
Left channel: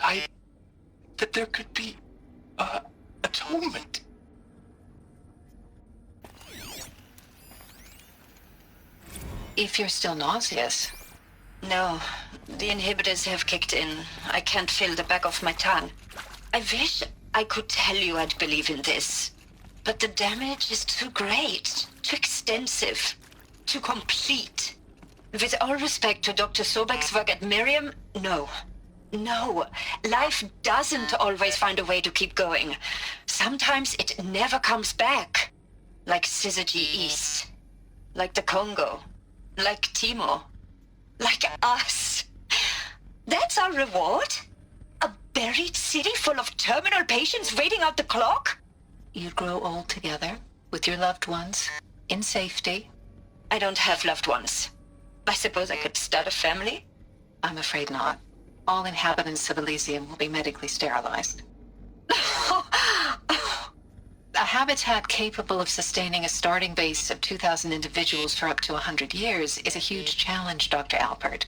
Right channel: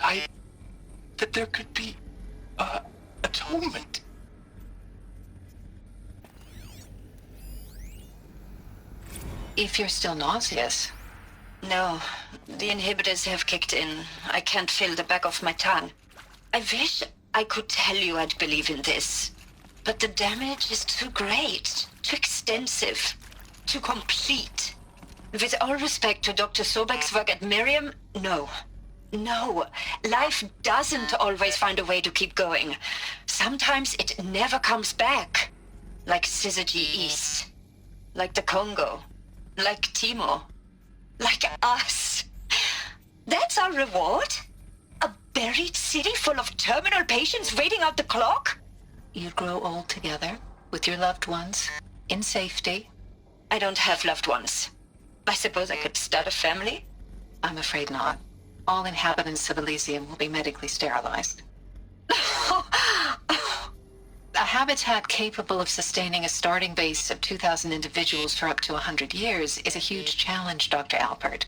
that there could be atonement. If you're still nauseous. No, the inhibitors have kicked in. I can't feel the back of my tongue. I wish I could tell you I'd believe in this. But the damage is too great, too extensive, too complete. With all respect to Dr. Sobek's work at Miriam, no. No, life doesn't always find a way to keep going. Sometimes it never comes back. Like Syzygy East. Like the Congo. Like Timo. Like us. That's our reward? A buried city full of terminal patients waiting out the clock? You'd grow old together, with your loved ones, in safety. I don't have loved ones. I suppose I could start a family? I'm afraid not. All inhabitants of Elysium will be medically sterilized. A habitat capable of sustaining a starting base of 2,000 individuals for up to 100 years is a huge challenge, Dr. Alpert.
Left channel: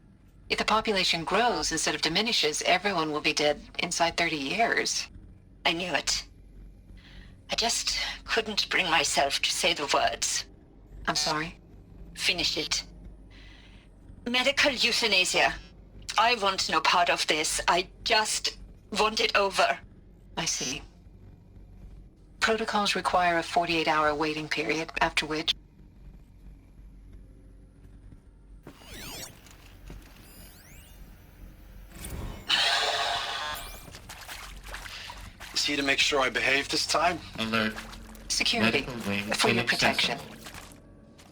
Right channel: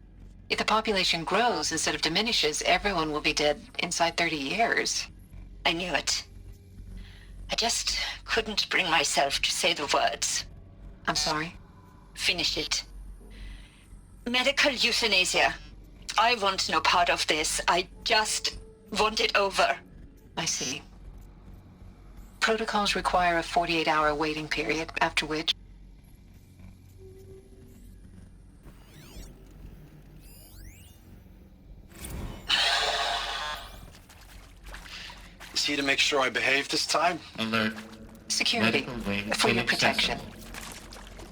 If the population grows instead of diminishes, everyone will be dead inside 30 years. I knew it. I just couldn't bring myself to say the words. I'm sorry? Finish it. Medical euthanasia. I want no part of this. I just want it over. I see. Protocols require a 48-hour waiting period, after which... Is he to make sure I behave this time? Alert. Security, for your protection.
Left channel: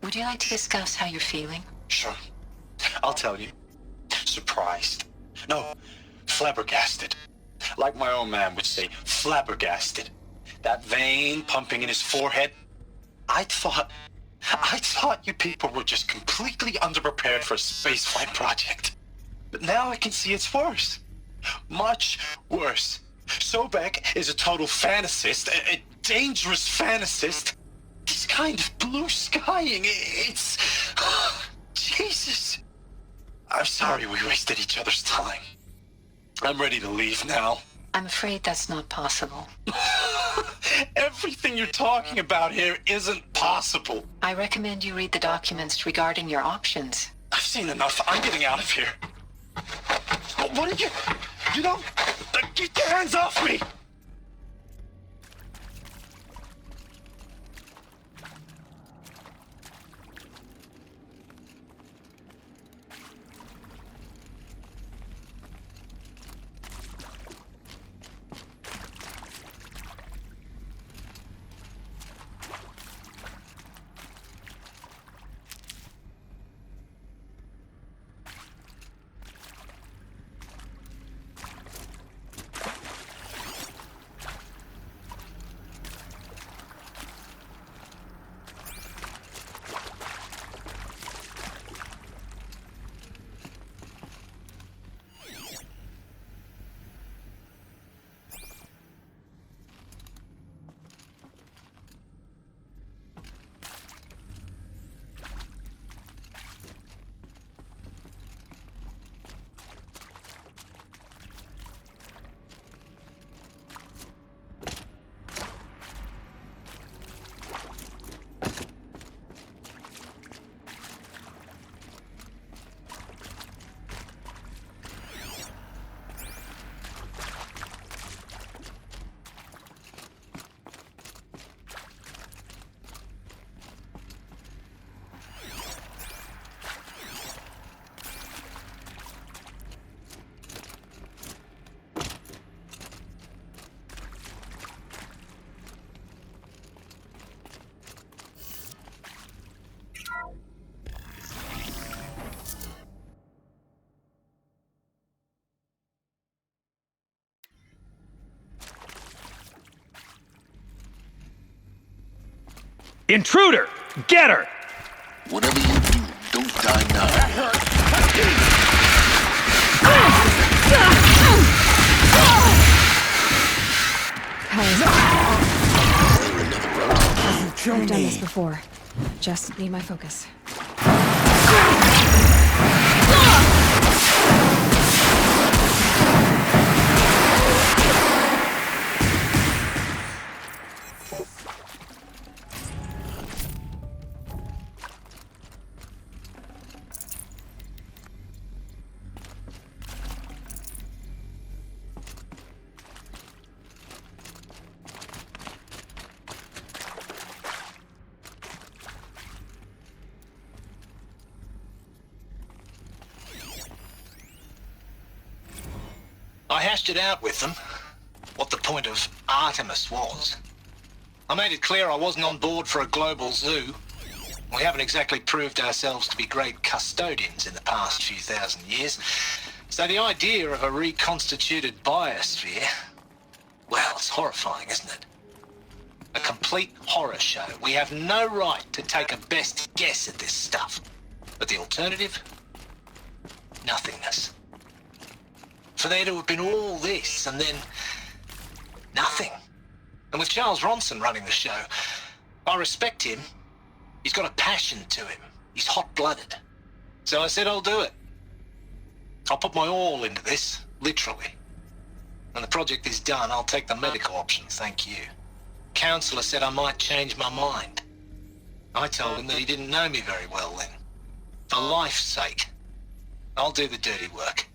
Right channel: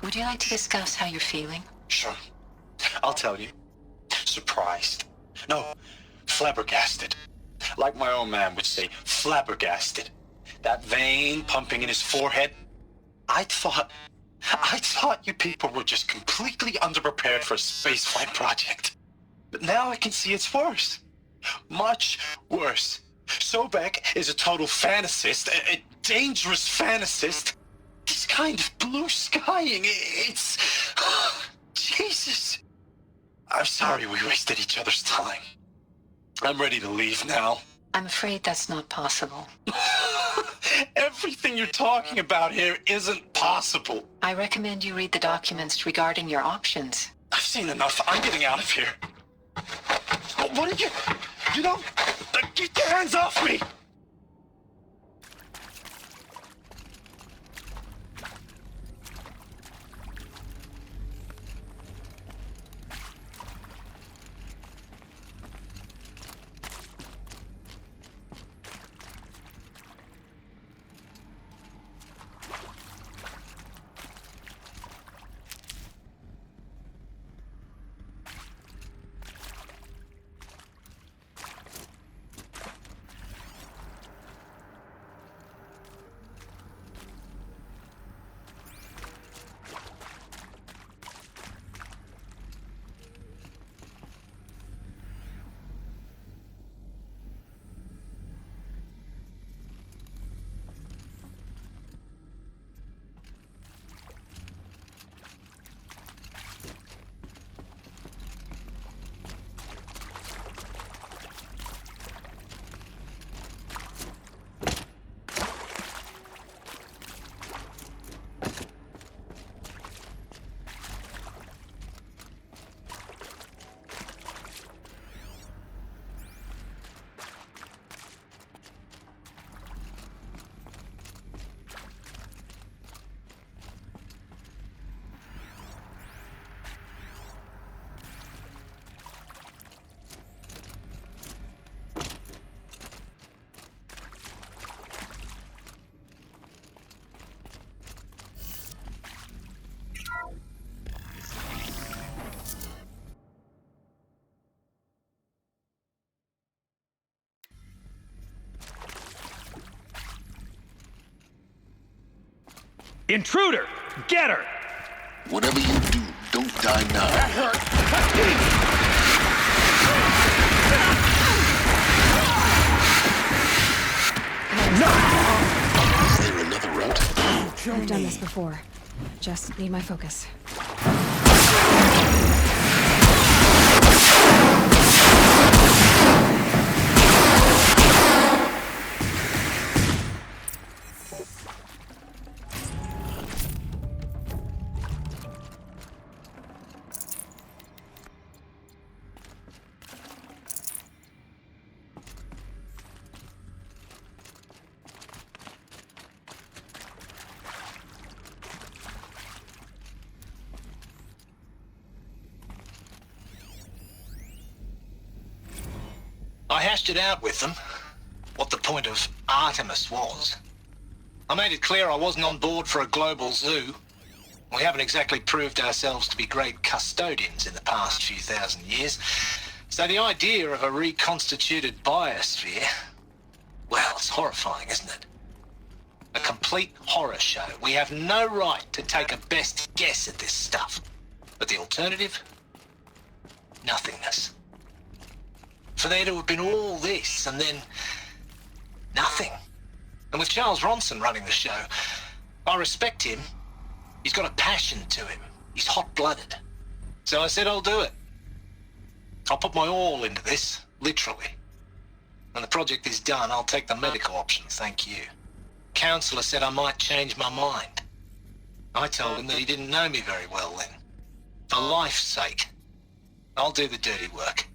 Would you like to discuss how you're feeling? Sure. I'll tell you. Surprised. No, flabbergasted. Like my own man would say, flabbergasted. That vein pumping in his forehead. I thought you people were just completely underprepared for a spaceflight project. But now I can see it's worse. Much worse. Sobek is a total fantasist, a dangerous fantasist. This kind of blue skying, it's... Jesus. I'm sorry we wasted each other's time. I'm ready to leave now. I'm afraid that's not possible. Everything you're talking about here isn't possible. I recommend you read the documents regarding your options. I've seen enough. I'm getting out of here. What are you... You know... Get your hands off me! Intruder! Get her! Whatever you do, don't die now. That hurt. Is there another route? I've done this before. Just need my focus. I hashed it out with them, what the point of Artemis was. I made it clear I wasn't on board for a global zoo. We haven't exactly proved ourselves to be great custodians in the past few thousand years. So the idea of a reconstituted biosphere, well, it's horrifying, isn't it? A complete horror show. We have no right to take a best guess at this stuff. But the alternative? Nothingness. For there to have been all this, and then nothing. And with Charles Ronson running the show, I respect him. He's got a passion to him. He's hot-blooded. So I said I'll do it. I'll put my all into this, literally. When the project is done, I'll take the medical option, thank you. Counselor said I might change my mind. I told him that he didn't know me very well then. For life's sake, I'll do the dirty work.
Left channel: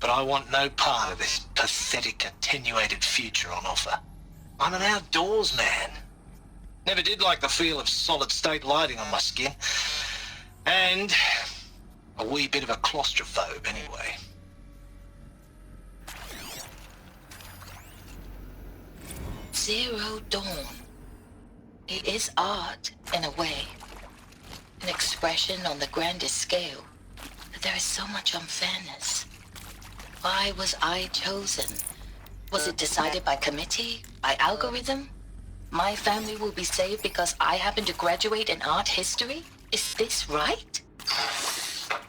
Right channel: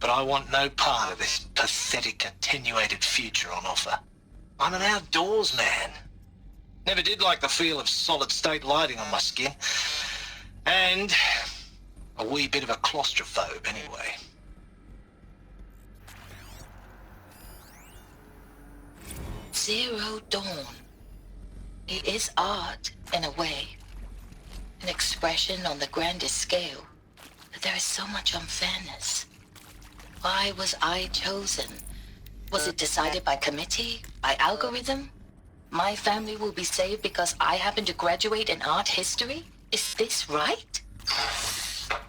But I want no part of this pathetic, attenuated future on offer. I'm an outdoors man. Never did like the feel of solid-state lighting on my skin. And a wee bit of a claustrophobe, anyway. Zero Dawn. It is art, in a way. An expression on the grandest scale. But there is so much unfairness. Why was I chosen? Was it decided by committee? By algorithm? My family will be saved because I happen to graduate in art history? Is this right?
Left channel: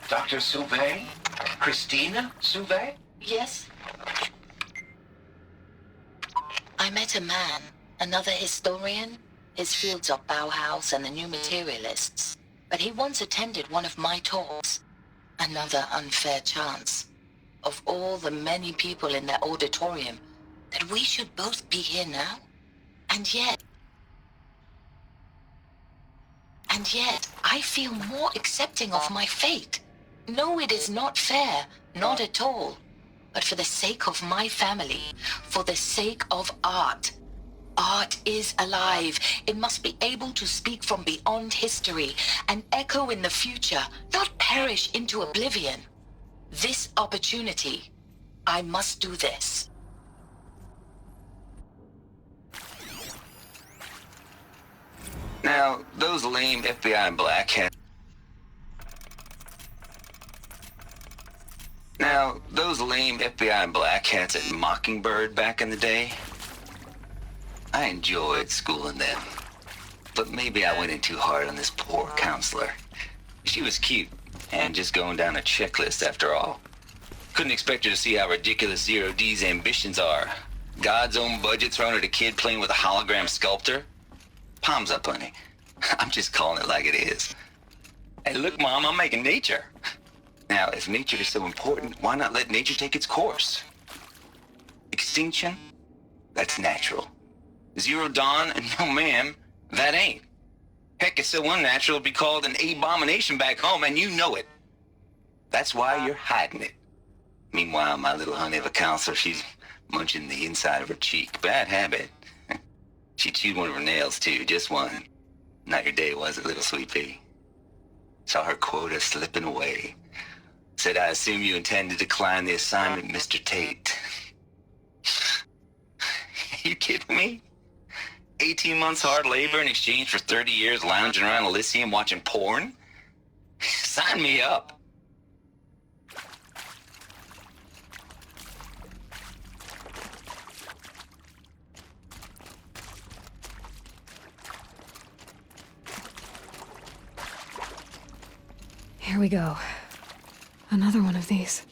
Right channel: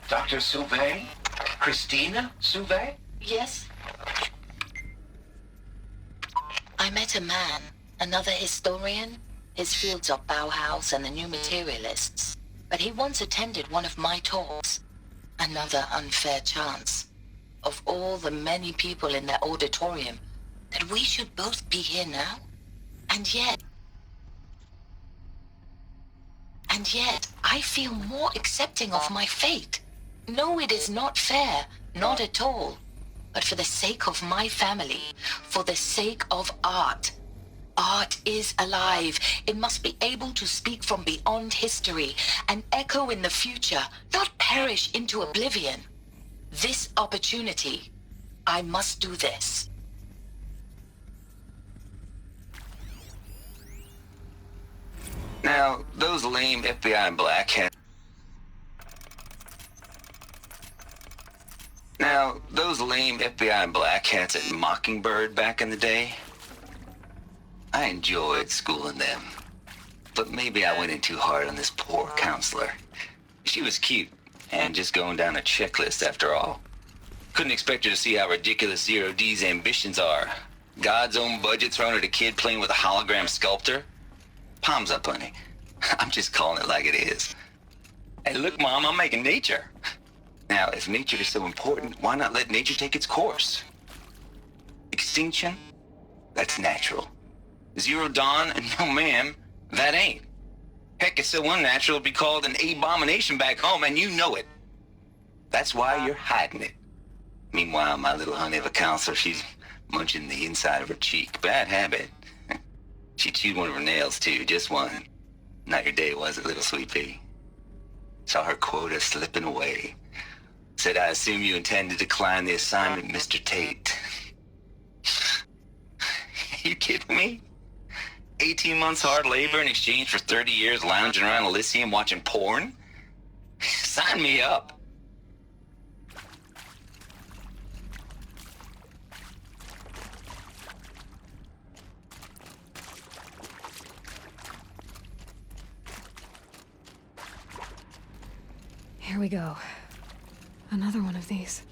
Dr. Sauvé? Christina Sauvé? Yes. I met a man, another historian. His fields are Bauhaus and the New Materialists. But he once attended one of my talks. Another unfair chance. Of all the many people in that auditorium, that we should both be here now? And yet, I feel more accepting of my fate. No, it is not fair, not at all. But for the sake of my family, for the sake of art. Art is alive. It must be able to speak from beyond history and echo in the future, not perish into oblivion. This opportunity, I must do this. Now, those lame FBI black hats... at Mockingbird back in the day, I enjoyed schooling them. But maybe I went in too hard on this poor counselor. She was cute, and just going down a checklist after all. Couldn't expect her to see how ridiculous Zero D's ambitions are. God's own budget thrown at a kid playing with a hologram sculptor? Palms up, honey. I'm just calling it like it is. Hey, look, Mom, I'm making nature. Now, if nature is so important, why not let nature take its course? Extinction? That's natural. Zero Dawn? No, ma'am, that ain't. Heck, it's so unnatural it'd be called an abomination back home, and you know it. That's why you're hiding it. Meanwhile, my little honey of a counselor, she's munching the inside of her cheek. Bad habit. She chewed one of her nails, too, just one. Not your day, was it, little sweet pea? Saw her quota slipping away. Said, I assume you intend to decline the assignment, Mr. Tate. You kidding me? 18 months hard labor in exchange for 30 years lounging around Elysium watching porn? Sign me up. Here we go. Another one of these.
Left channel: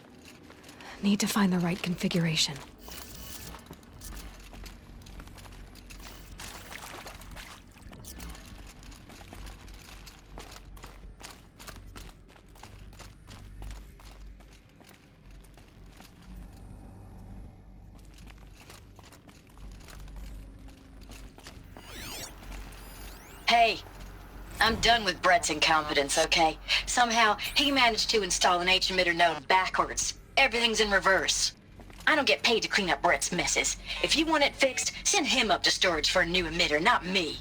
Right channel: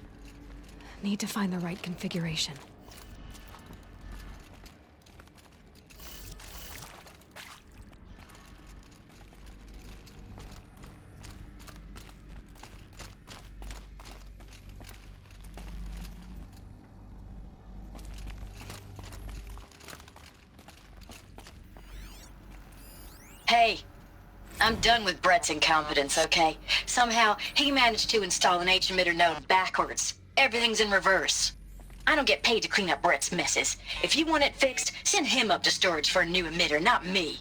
Need to find the right configuration. Hey, I'm done with Brett's incompetence, okay? Somehow, he managed to install an H-emitter node backwards. Everything's in reverse. I don't get paid to clean up Brett's messes. If you want it fixed, send him up to storage for a new emitter, not me.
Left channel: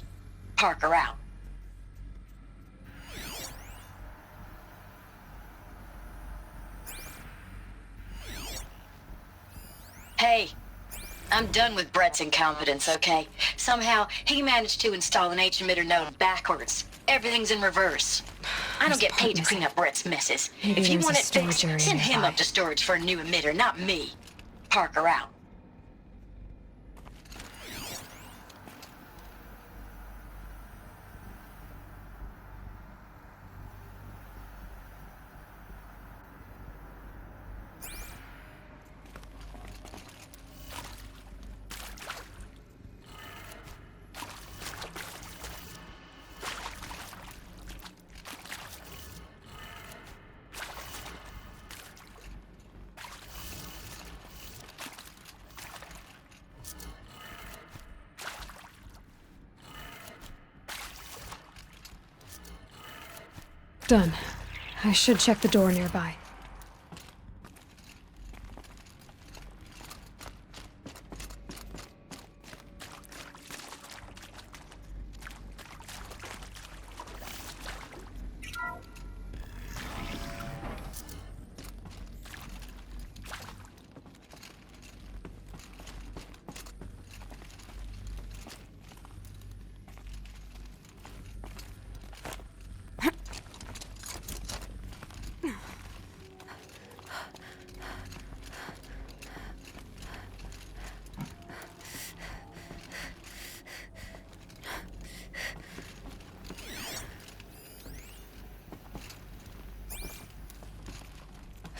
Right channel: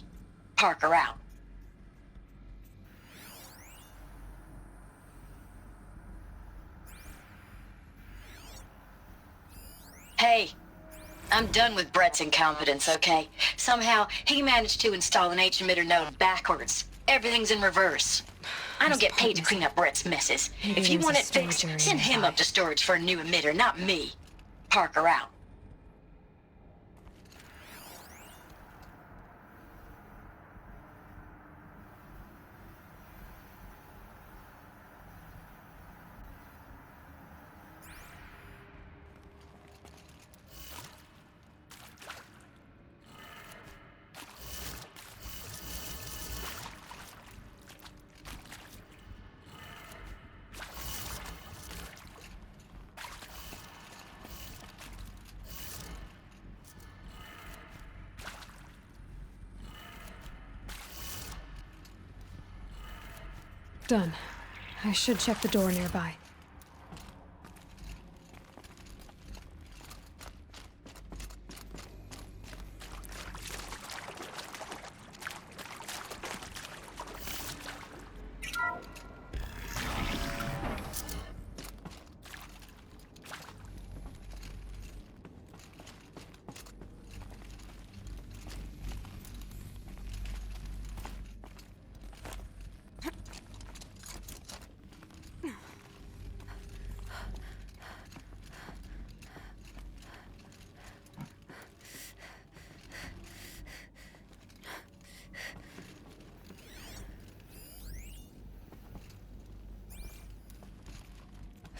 Parker out. Hey, I'm done with Brett's incompetence, okay? Somehow, he managed to install an H-emitter node backwards. Everything's in reverse. I don't get paid to clean up Brett's messes. Maybe If you there's want a it fixed, storage area send him nearby. up to storage for a new emitter, not me. Parker out. Done. I should check the door nearby.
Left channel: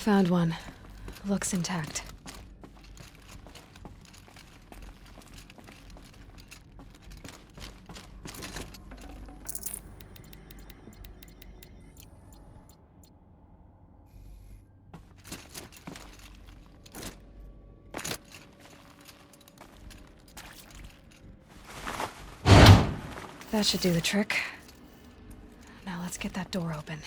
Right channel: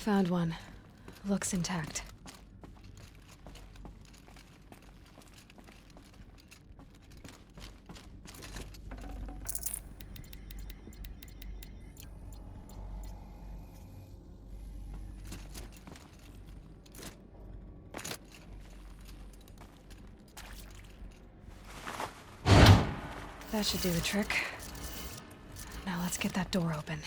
Found one. Looks intact. That should do the trick. Now let's get that door open.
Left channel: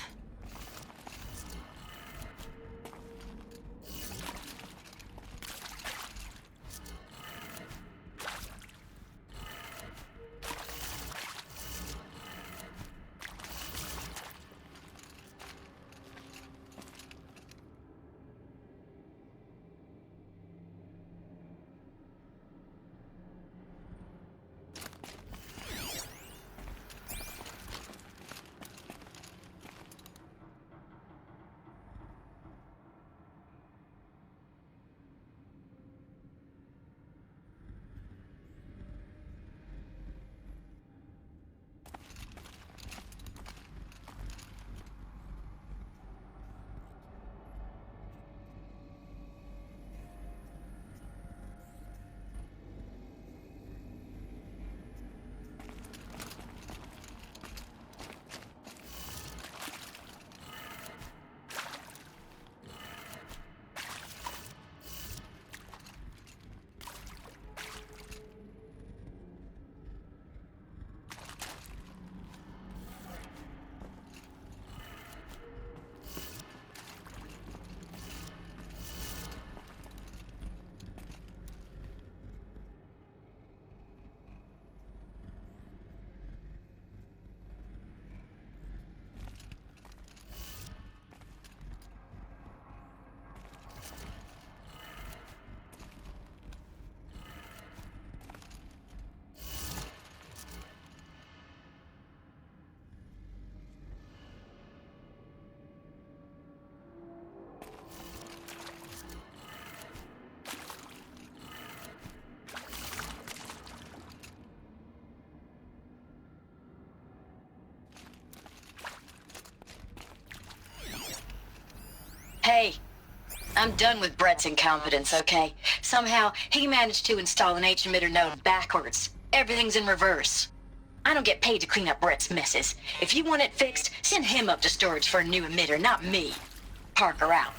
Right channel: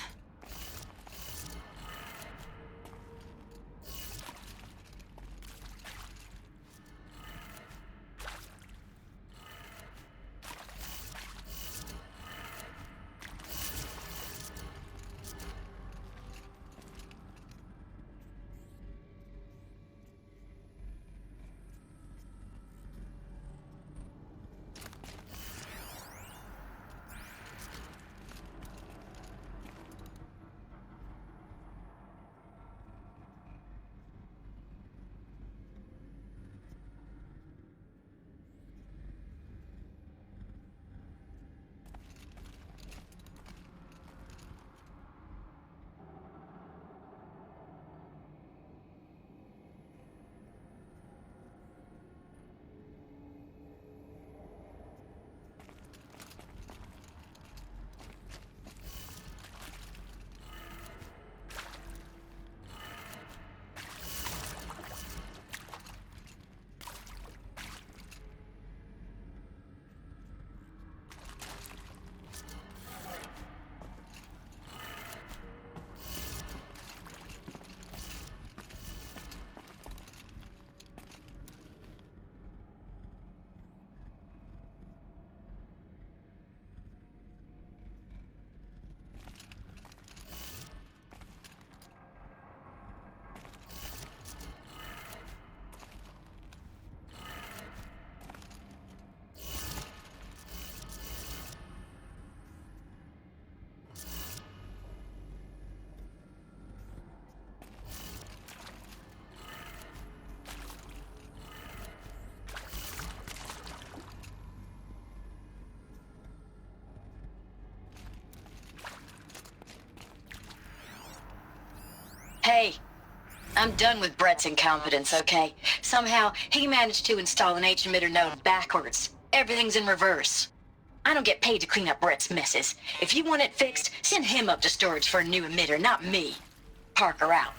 Hey, I'm done with Brett's incompetence, okay? Somehow, he managed to install an H-emitter node backwards. Everything's in reverse. I don't get paid to clean up Brett's messes. If you want it fixed, send him up to storage for a new emitter, not me. Parker out.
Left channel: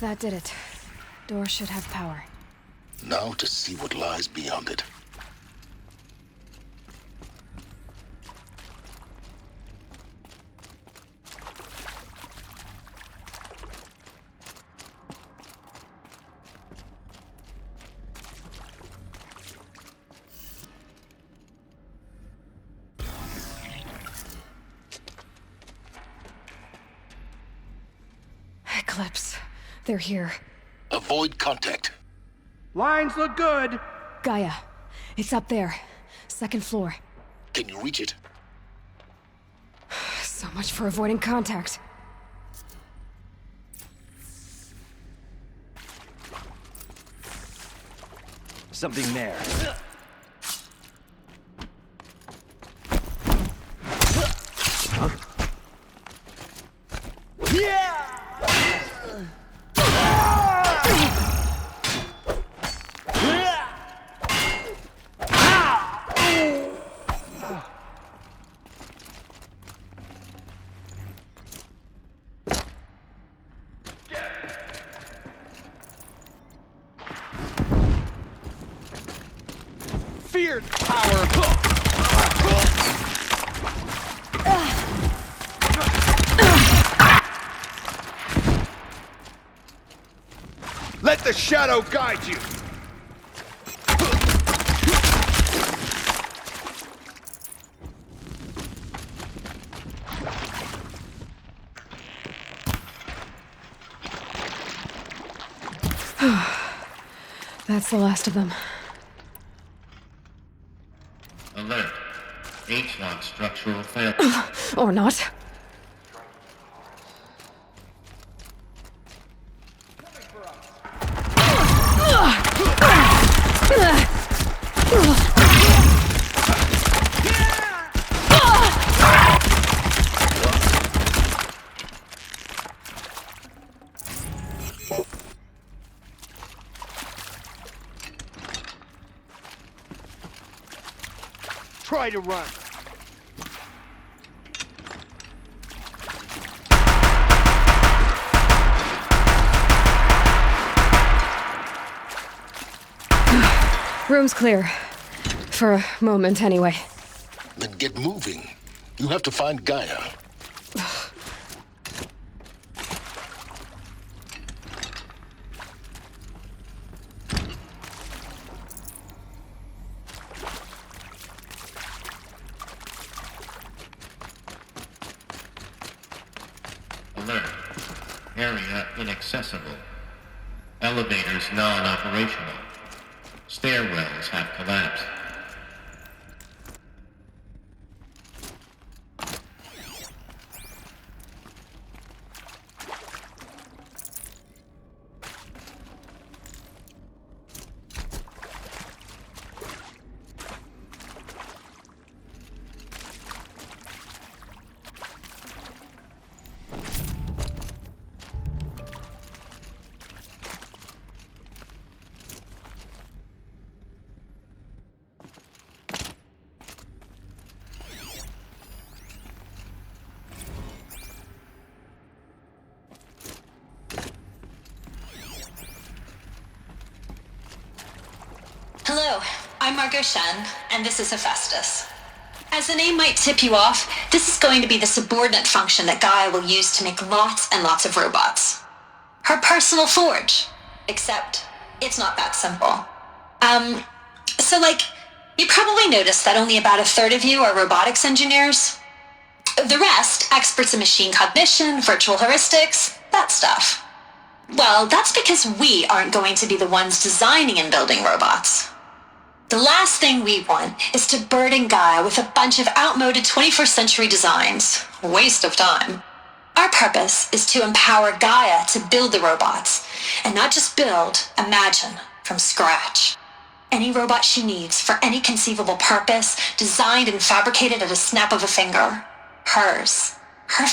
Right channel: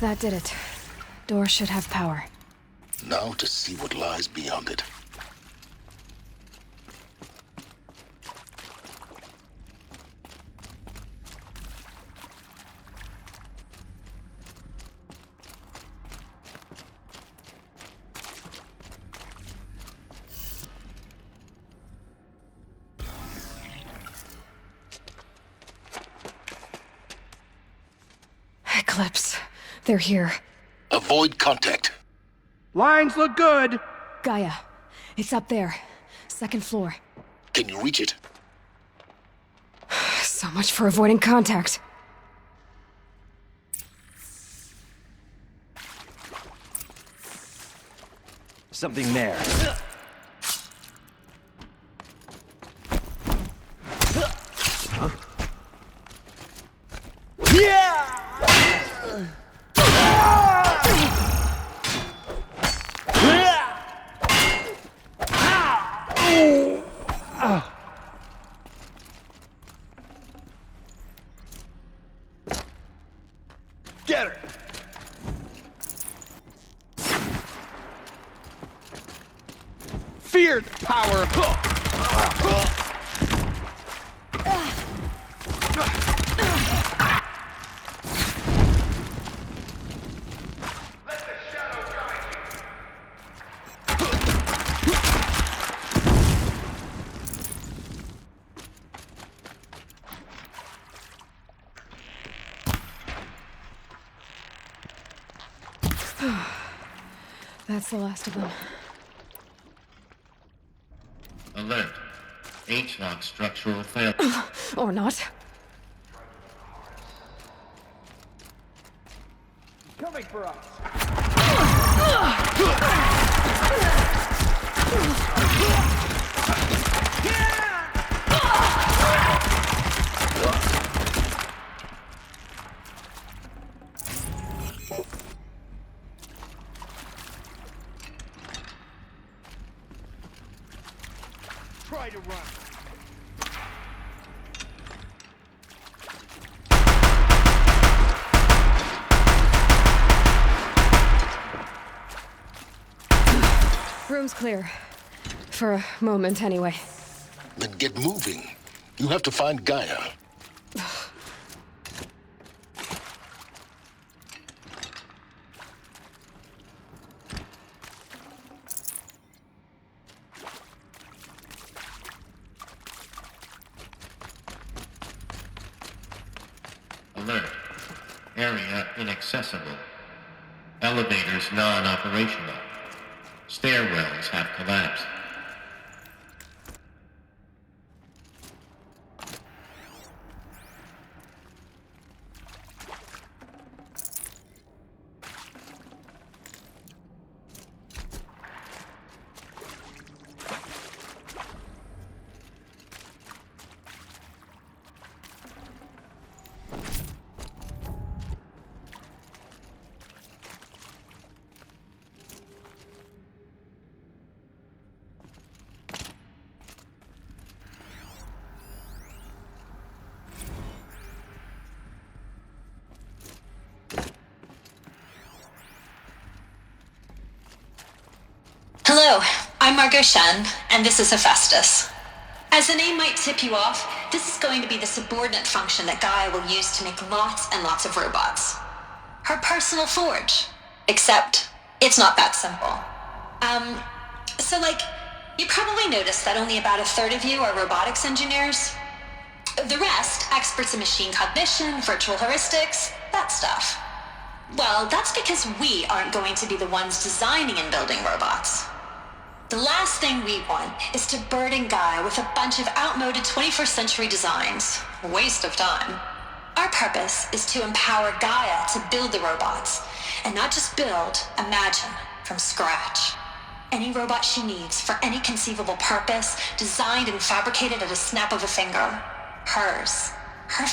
That did it. Door should have power. Now to see what lies beyond it. Eclipse. They're here. Avoid contact. Lines look good. Gaia. It's up there. Second floor. Can you reach it? So much for avoiding contact. Something there. Get her! Fear power! Let the shadow guide you! That's the last of them. Alert. H-lock structural failure. Or not. Coming for us! Try to run. Room's clear. For a moment, anyway. Then get moving. You have to find Gaia. area inaccessible. Elevators non-operational. Stairwells have collapsed. Hello, I'm Margot Shen, and this is Hephaestus. As the name might tip you off, this is going to be the subordinate function that Gaia will use to make lots and lots of robots. Her personal forge. Except, it's not that simple. You probably noticed that only about a third of you are robotics engineers. The rest, experts in machine cognition, virtual heuristics, that stuff. Well, that's because we aren't going to be the ones designing and building robots. The last thing we want is to burden Gaia with a bunch of outmoded 21st century designs. Waste of time. Our purpose is to empower Gaia to build the robots, and not just build, imagine, from scratch. Any robot she needs for any conceivable purpose, designed and fabricated at a snap of a finger. Hers. Her